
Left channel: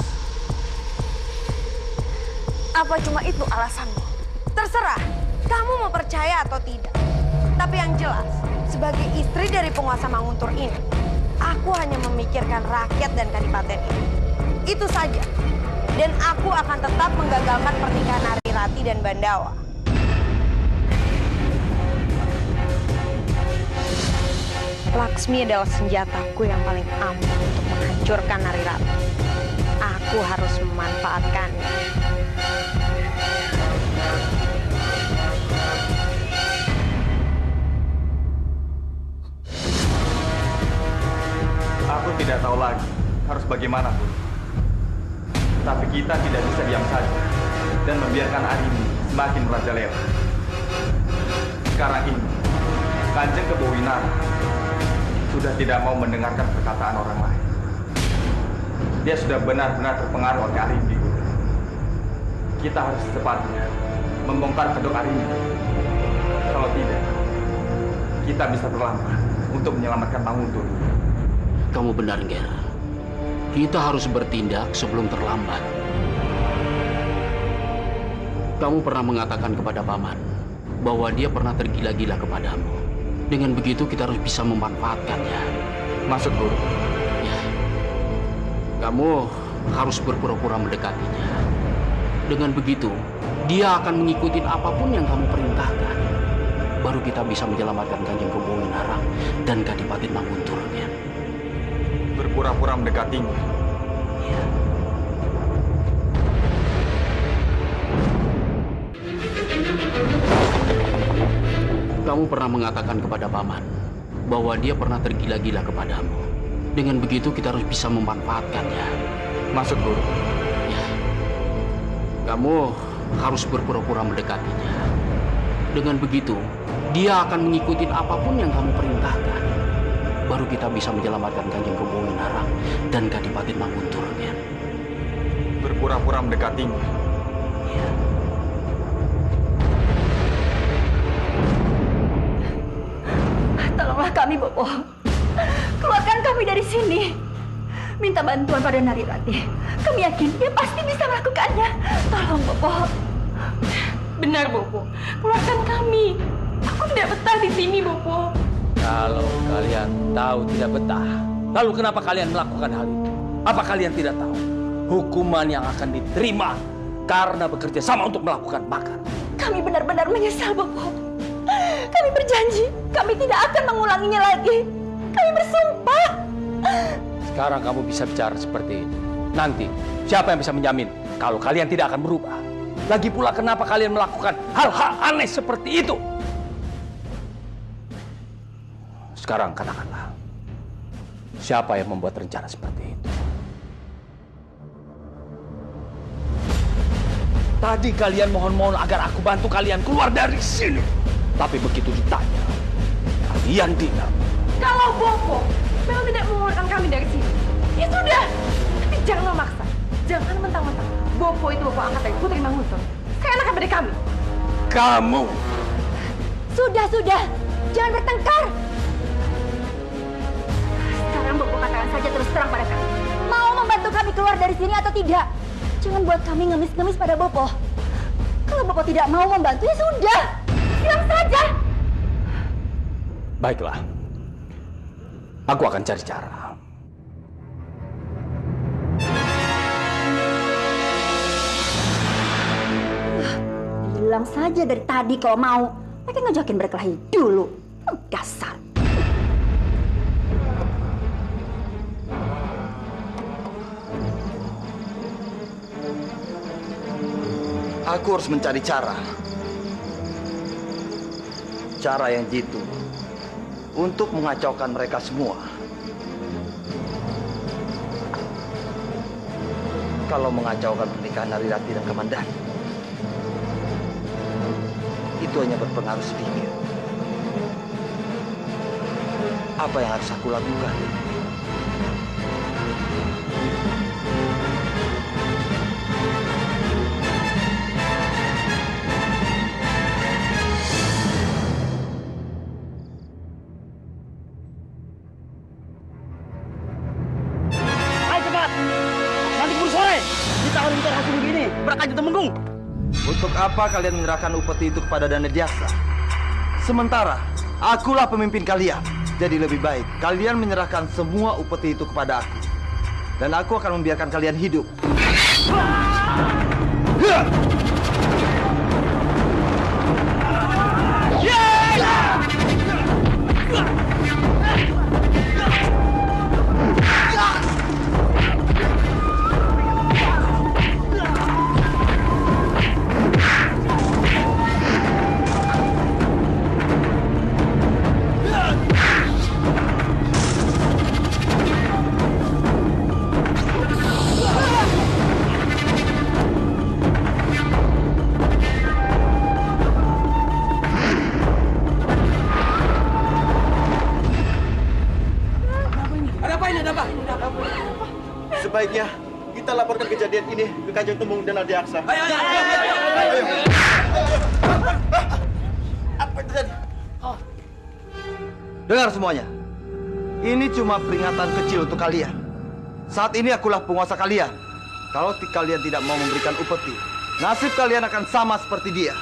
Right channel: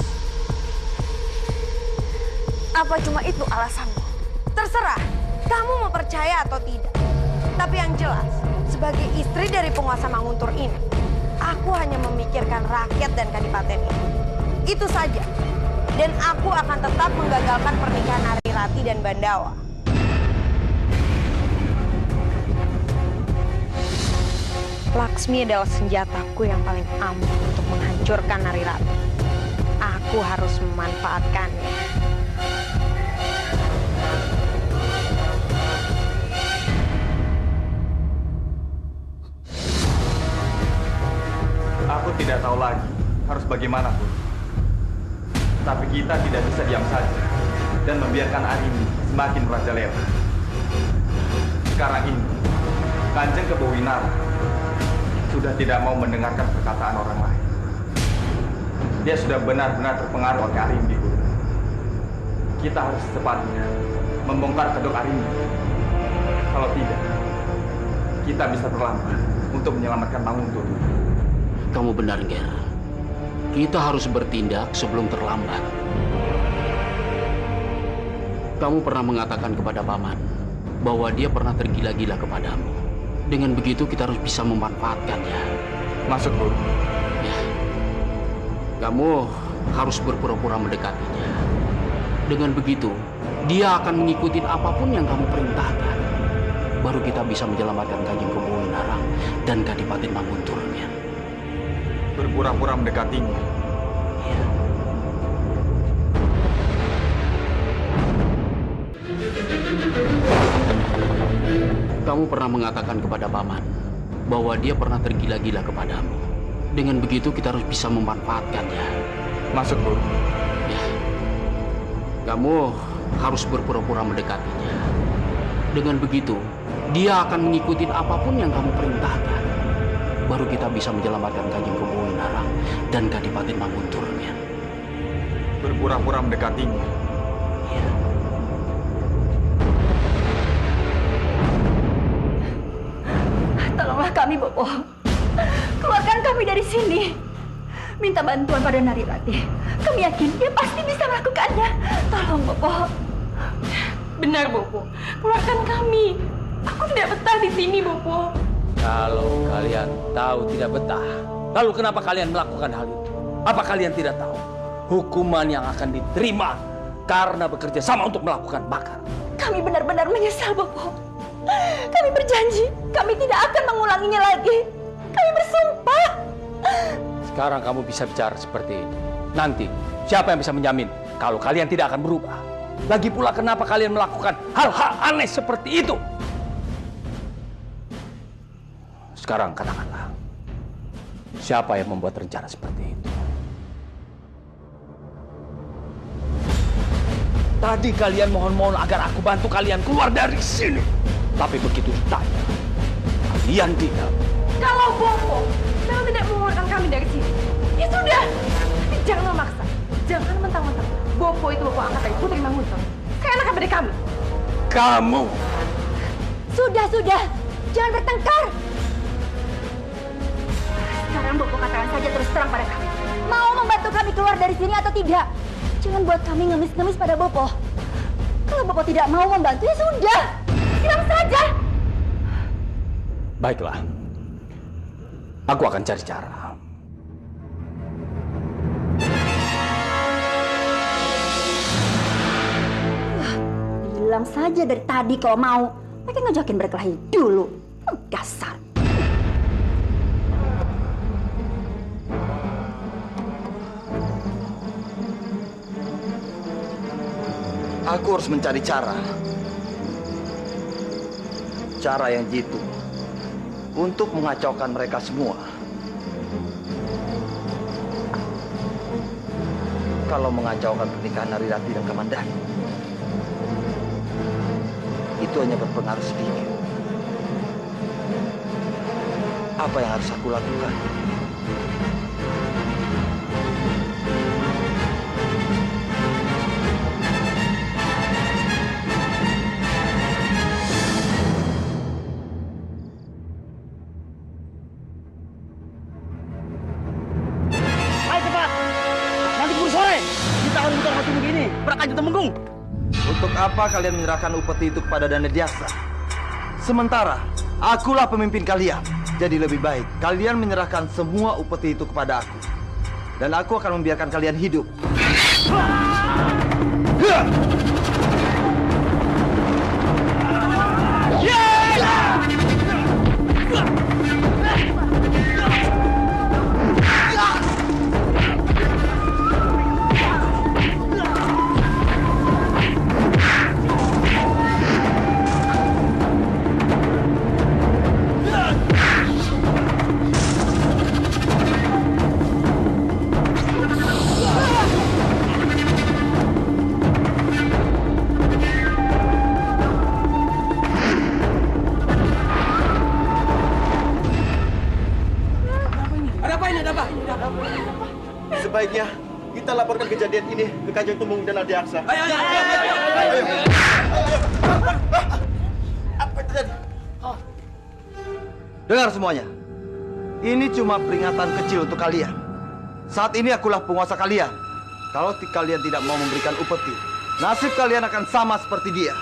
Apa cuma itu alasanmu? Terserah, kamu mau percaya atau tidak. Tapi yang jelas, sebagai istri dari penguasa Manguntur ini, aku hanya memikirkan rakyat dan kadipaten ini. Itu saja. Dan aku akan tetap menggagalkan pernikahan Arirati dan Bandawa. Laksmi adalah senjataku yang paling ampuh untuk menghancurkan Nari Rati. Aku harus memanfaatkannya. Aku tidak tahu lagi harus bagaimana pun. Tapi kita tidak bisa diam saja dan membiarkan Arimbi semakin merajalela. Sekarang ini, Kanjeng Kebawinara sudah tidak mau mendengarkan perkataan orang lain. Dia sudah benar-benar terpengaruh oleh Arimbi, Guru. Kita harus secepatnya membongkar kedok Arimbi. Kalau tidak, kita bisa terlambat untuk menyelamatkan Manguntur. Kamu benar, Ger. Kita harus bertindak sebelum terlambat. Kamu pernah mengatakan kepada Paman bahwa dia pernah tergila-gila kepadamu. Dengan begitu kita harus bisa memanfaatkannya. Maksud Guru? Ya. Kamu harus berpura-pura mendekatinya. Dengan begitu, dia akan mengikuti apapun yang kamu perintahkan. Baru kita bisa menyelamatkan Kanjeng Kebawinara dan Kadipaten Manguntur. Ya. Berpura-pura mendekatinya. Ya. Kamu pernah mengatakan kepada Paman bahwa dia pernah tergila-gila kepadamu. Dengan begitu kita harus bisa memanfaatkannya. Maksud Guru? Ya. Kamu harus berpura-pura mendekatinya. Dengan begitu, dia akan mengikuti apapun yang kamu perintahkan. Baru kita bisa menyelamatkan Kanjeng Kebawinara dan Kadipaten Manguntur. Ya. Berpura-pura mendekatinya. Ya. Tolonglah kami, Bopo. Keluarkan kami dari sini. Minta bantuan pada Nari Rati. Kami yakin dia pasti bisa melakukannya. Tolong, Bopo. Benar, Bopo. Keluarkan kami. Aku tidak betah di sini, Bopo. Kalau kalian tahu tidak betah, lalu kenapa kalian melakukan hal itu? Apa kalian tidak tahu hukuman yang akan diterima karena bekerja sama untuk melakukan makar? Kami benar-benar menyesal, Bopo. Kami berjanji, kami tidak akan mengulanginya lagi. Kami bersumpah. Sekarang kamu bisa bicara seperti ini. Nanti, siapa yang bisa menjamin kalau kalian tidak akan berubah? Lagi pula kenapa kalian melakukan hal-hal aneh seperti itu? Sekarang katakanlah, siapa yang membuat rencana seperti itu? Tadi kalian mohon-mohon agar aku bantu kalian keluar dari sini. Tapi begitu ditanya, kalian tidak. Kalau Bopo memang tidak mengeluarkan kami dari sini, ya sudah. Tapi jangan memaksa. Jangan mentang-mentang Bopo itu Bopo angkat dari Putri Manguntur. Seenaknya dari kami. Kamu. Sudah. Jangan bertengkar. Sekarang Bopo katakan saja terus terang pada kami. Mau membantu kami keluar dari sini atau tidak? Jangan buat kami ngemis-ngemis pada Bopo. Kalau Bopo tidak mau membantu, ya sudah. Bilang saja. Baiklah. Aku akan cari cara. Bilang saja dari tadi kalau mau. Mereka ngajakin berkelahi dulu. Gasar. Aku harus mencari cara. Cara yang jitu untuk mengacaukan mereka semua. Kalau mengacaukan pernikahan Nari Rati dan Kamandanu, itu hanya berpengaruh sedikit. Apa yang harus aku lakukan? Nanti keburu sore, kita harus muter langsung begini, berakannya temenggung. Untuk apa kalian menyerahkan upeti itu kepada Dana Jasa? Sementara akulah pemimpin kalian. Jadi lebih baik kalian menyerahkan semua upeti itu kepada aku. Dan aku akan membiarkan kalian hidup. Sebaiknya kita laporkan kejadian ini ke Kanjeng Tumung dan Adiaksa. Ayo. Apa itu tadi? Dengar semuanya. Ini cuma peringatan kecil untuk kalian. Saat ini akulah penguasa kalian. Kalau kalian tidak mau memberikan upeti, nasib kalian akan sama seperti dia.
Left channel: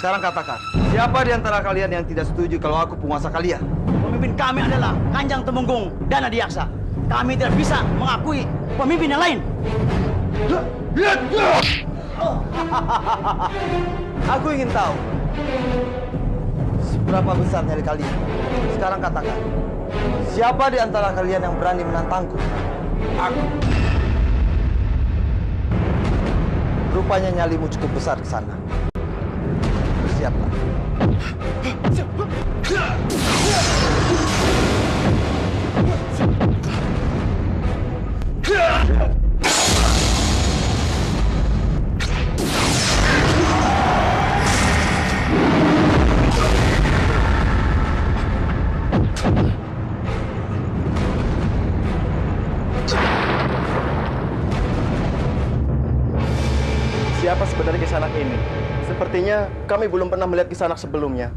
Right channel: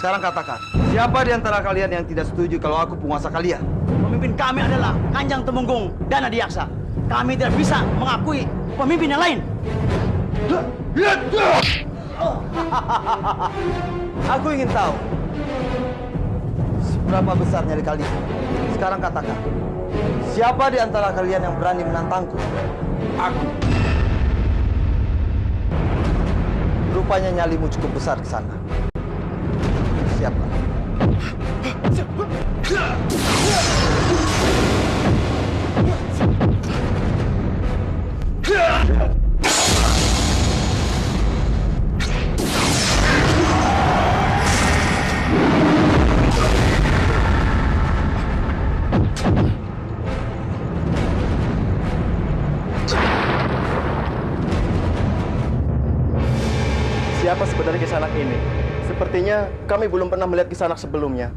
Sekarang katakan, siapa di antara kalian yang tidak setuju kalau aku penguasa kalian? Pemimpin kami adalah Kanjeng Tumenggung dan Adiaksa. Kami tidak bisa mengakui pemimpin yang lain. Aku ingin tahu seberapa besar nyali kalian. Sekarang katakan, siapa di antara kalian yang berani menantangku? Aku. Rupanya nyalimu cukup besar di sana. Siapa? Siapa sebenarnya Kisanak ini? Sepertinya kami belum pernah melihat Kisanak sebelumnya.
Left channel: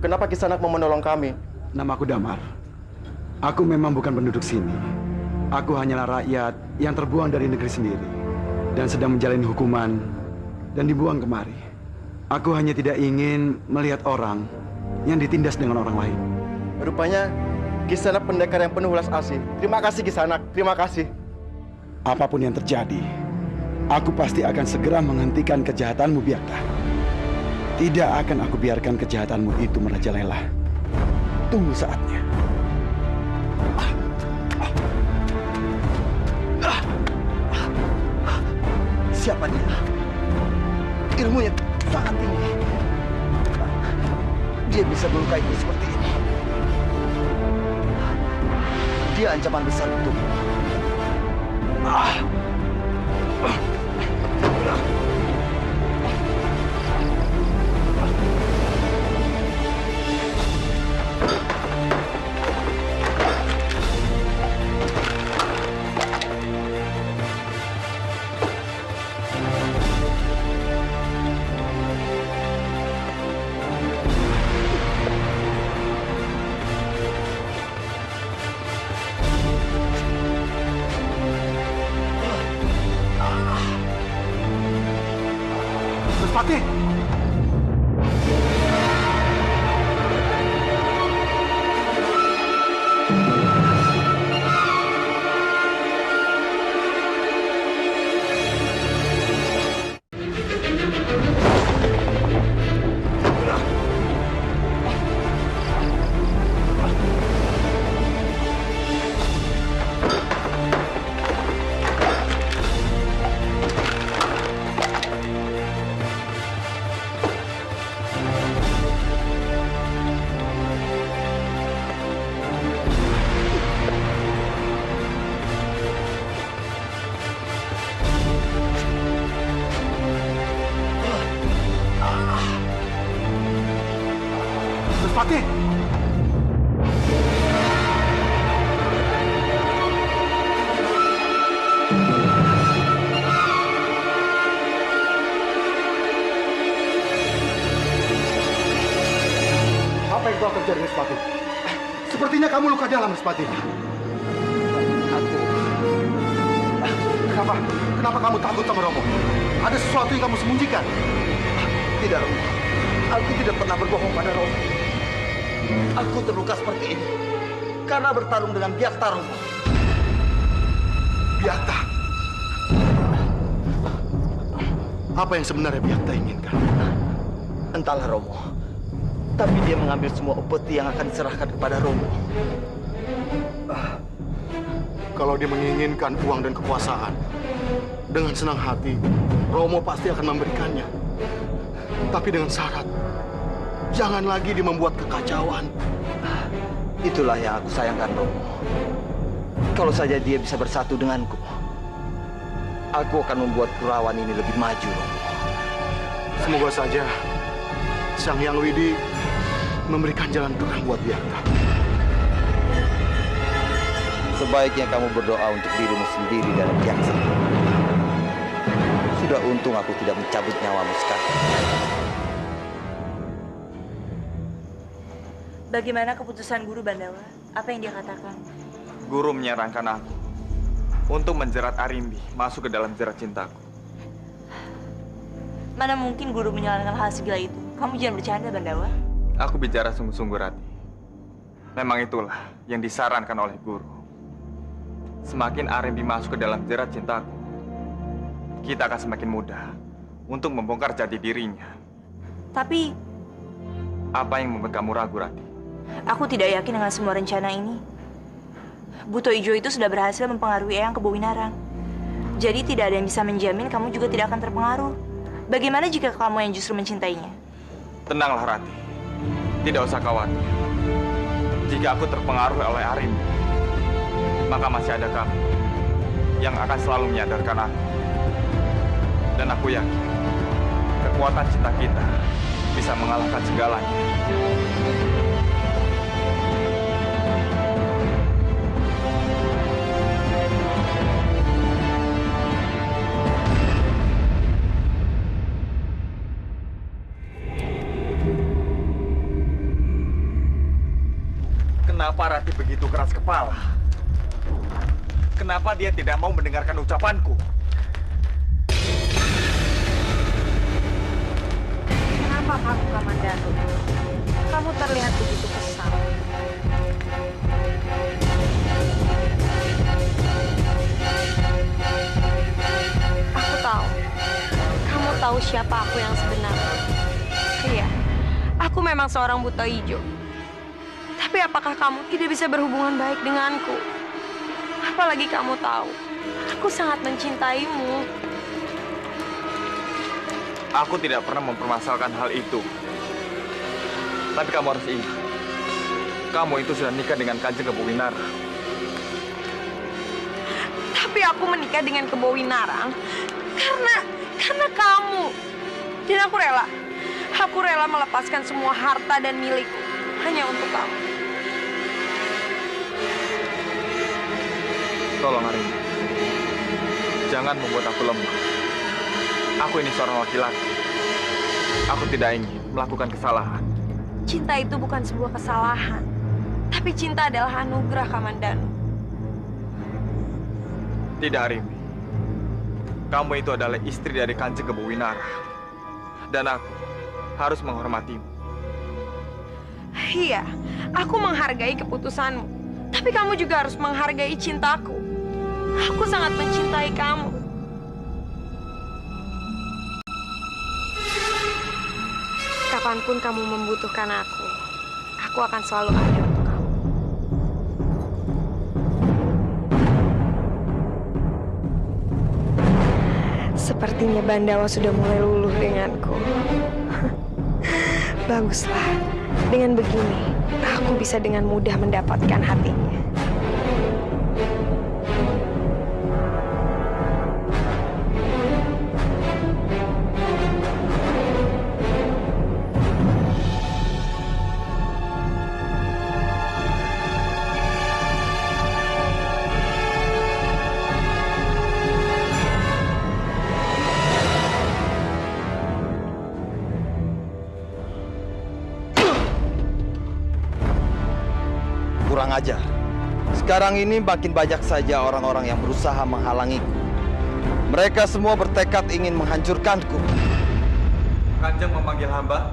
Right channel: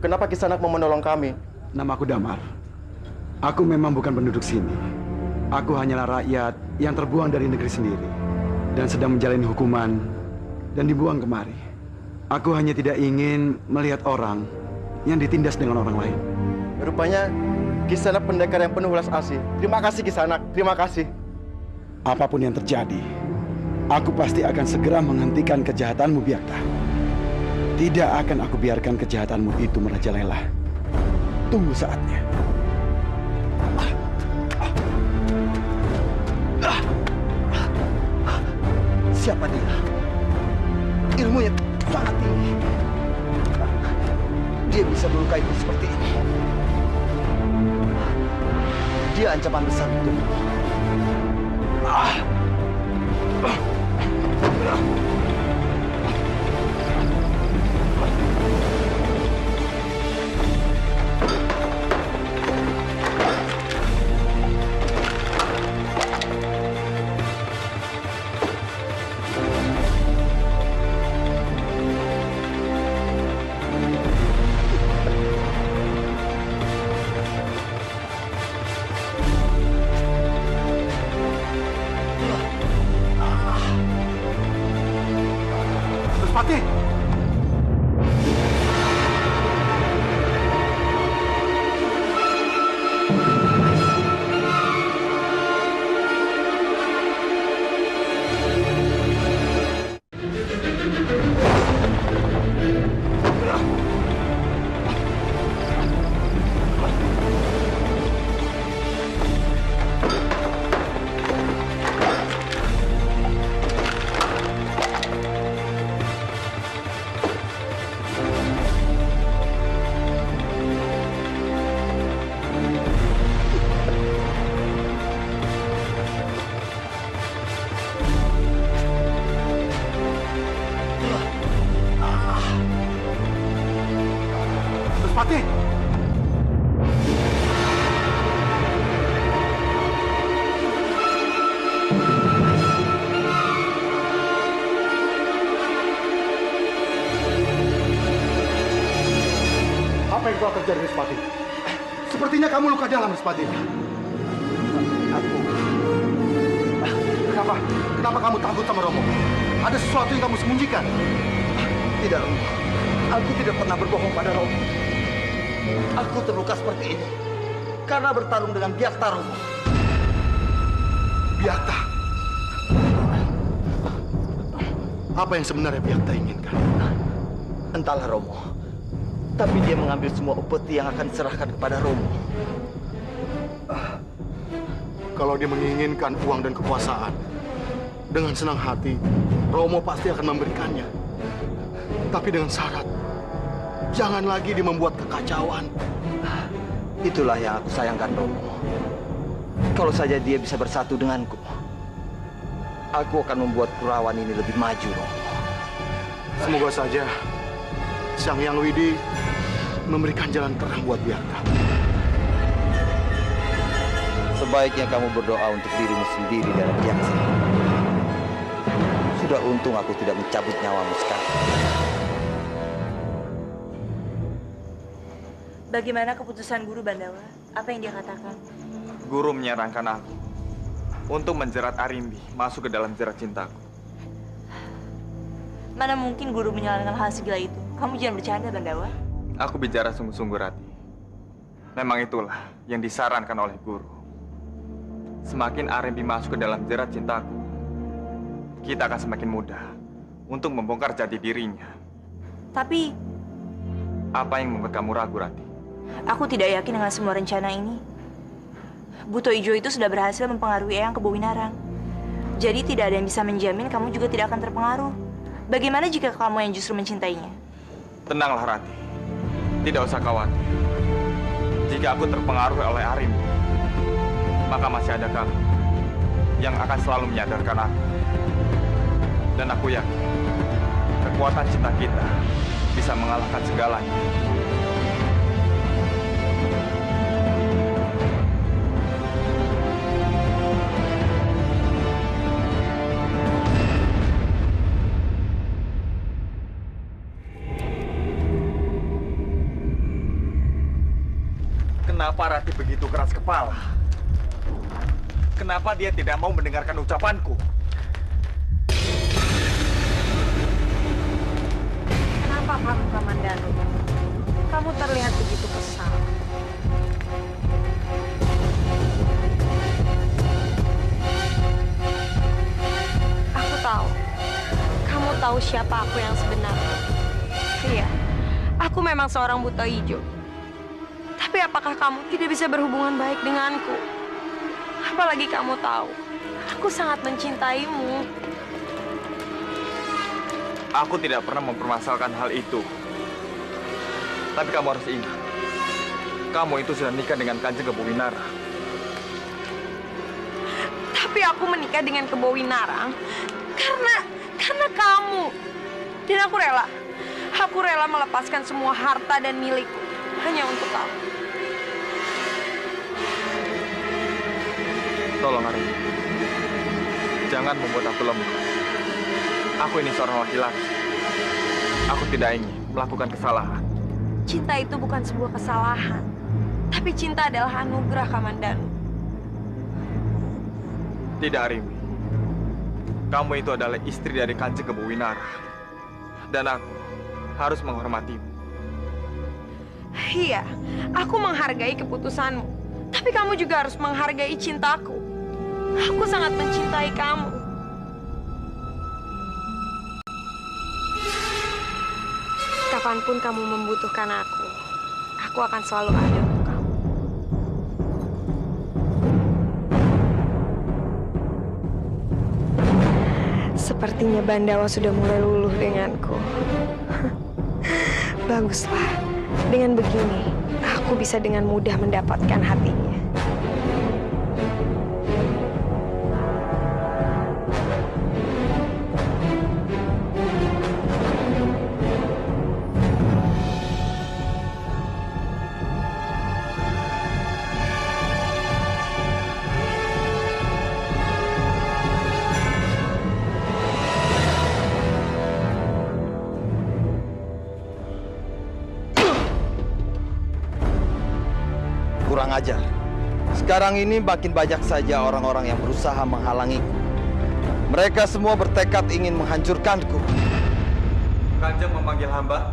Kenapa Kisanak mau menolong kami? Namaku Damar. Aku memang bukan penduduk sini. Aku hanyalah rakyat yang terbuang dari negeri sendiri dan sedang menjalani hukuman dan dibuang kemari. Aku hanya tidak ingin melihat orang yang ditindas dengan orang lain. Rupanya Kisanak pendekar yang penuh welas asih. Terima kasih Kisanak, terima kasih. Apapun yang terjadi, aku pasti akan segera menghentikan kejahatanmu, Biakta. Tidak akan aku biarkan kejahatanmu itu merajalela. Tunggu saatnya. Siapa dia? Ilmunya sangat tinggi. Dia bisa melukaiku seperti ini. Dia ancaman besar untukmu. Respati! Respati! Apa yang telah terjadi, Respati? Sepertinya kamu luka dalam, Respati. Aku. Kenapa kamu takut sama Romo? Ada sesuatu yang kamu sembunyikan? Tidak, Romo. Aku tidak pernah berbohong pada Romo. Aku terluka seperti ini karena bertarung dengan Biakta, Romo. Biakta? Apa yang sebenarnya Biakta inginkan? Entahlah, Romo. Tapi dia mengambil semua upeti yang akan diserahkan kepada Romo. Kalau dia menginginkan uang dan kekuasaan, dengan senang hati, Romo pasti akan memberikannya. Tapi dengan syarat, jangan lagi dia membuat kekacauan. Itulah yang aku sayangkan, Romo. Kalau saja dia bisa bersatu denganku, aku akan membuat Kurawan ini lebih maju, Romo. Semoga saja Sang Hyang Widi memberikan jalan terang buat Biakta. Sebaiknya kamu berdoa untuk dirimu sendiri dan pihak sendiri. Sudah untung aku tidak mencabut nyawamu sekarang. Bagaimana keputusan Guru Bandawa? Apa yang dia katakan? Guru menyarankan aku untuk menjerat Arimbi masuk ke dalam jerat cintaku. Mana mungkin Guru menyarankan hal segila itu? Kamu jangan bercanda, Bandawa. Aku bicara sungguh-sungguh, Rati. Memang itulah yang disarankan oleh Guru. Semakin Arimbi masuk ke dalam jerat cintaku, kita akan semakin mudah untuk membongkar jati dirinya. Tapi apa yang membuat kamu ragu, Rati? aku tidak yakin dengan semua rencana ini. Buto Ijo itu sudah berhasil mempengaruhi Eyang ke Bowinarang. Jadi tidak ada yang bisa menjamin kamu juga tidak akan terpengaruh. Bagaimana jika kamu yang justru mencintainya? Tenanglah, Rati. Tidak usah khawatir. Jika aku terpengaruh oleh Arimbi, maka masih ada kamu yang akan selalu menyadarkan aku. Dan aku yakin kekuatan cinta kita bisa mengalahkan segalanya. Kenapa Rati begitu keras kepala? Kenapa dia tidak mau mendengarkan ucapanku? Kenapa kamu, Kamandanu? Kamu terlihat begitu kesal. Aku tahu. Kamu tahu siapa aku yang sebenarnya. Iya, aku memang seorang buta hijau. Tapi apakah kamu tidak bisa berhubungan baik denganku? Apalagi kamu tahu, aku sangat mencintaimu. Aku tidak pernah mempermasalahkan hal itu. Tapi kamu harus ingat, kamu itu sudah nikah dengan Kanjeng Kebowinarang. Tapi aku menikah dengan Kebowinarang karena kamu. Dan aku rela. Aku rela melepaskan semua harta dan milikku hanya untuk kamu. Tolong Arimbi, jangan membuat aku lemah. Aku ini seorang laki-laki. Aku tidak ingin melakukan kesalahan. Cinta itu bukan sebuah kesalahan. Tapi cinta adalah anugerah, Kamandanu. Tidak, Arimbi. Kamu itu adalah istri dari Kanjeng Kebowinarang. Dan aku harus menghormatimu. Iya, aku menghargai keputusanmu. Tapi kamu juga harus menghargai cintaku. Aku sangat mencintai kamu. Kapanpun kamu membutuhkan aku akan selalu ada untuk kamu. Sepertinya Bandawa sudah mulai luluh denganku. Baguslah. Dengan begini, aku bisa dengan mudah mendapatkan hatinya. Kurang ajar. Sekarang ini makin banyak saja orang-orang yang berusaha menghalangiku. Mereka semua bertekad ingin menghancurkanku. Kanjeng memanggil hamba.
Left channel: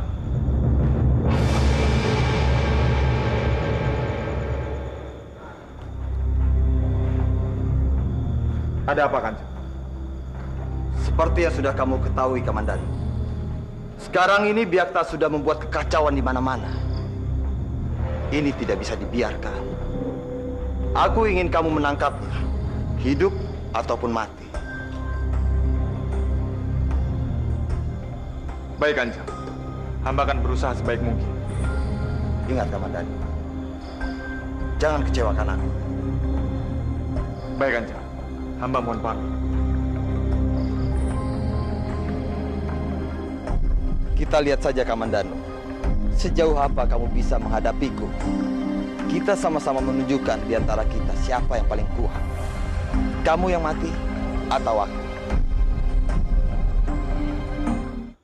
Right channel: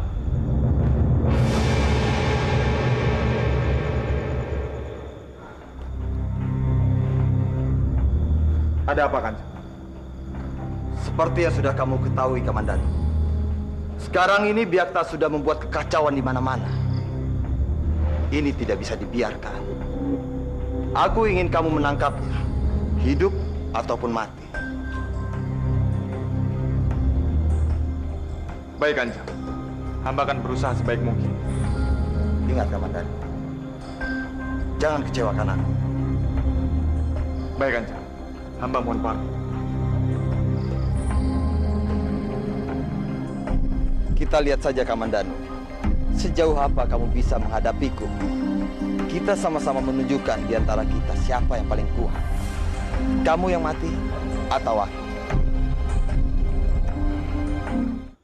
Ada apa, Kanjeng? Seperti yang sudah kamu ketahui, Kamandanu. Sekarang ini Byakta sudah membuat kekacauan di mana-mana. Ini tidak bisa dibiarkan. Aku ingin kamu menangkapnya, hidup ataupun mati. Baik, Kanjeng. Hamba akan berusaha sebaik mungkin. Ingat, Kamandanu. Jangan kecewakan aku. Baik, Kanjeng. Hamba mohon pamit. Kita lihat saja, Kamandanu. Sejauh apa kamu bisa menghadapiku? kita sama-sama menunjukkan di antara kita siapa yang paling kuat. Kamu yang mati atau aku?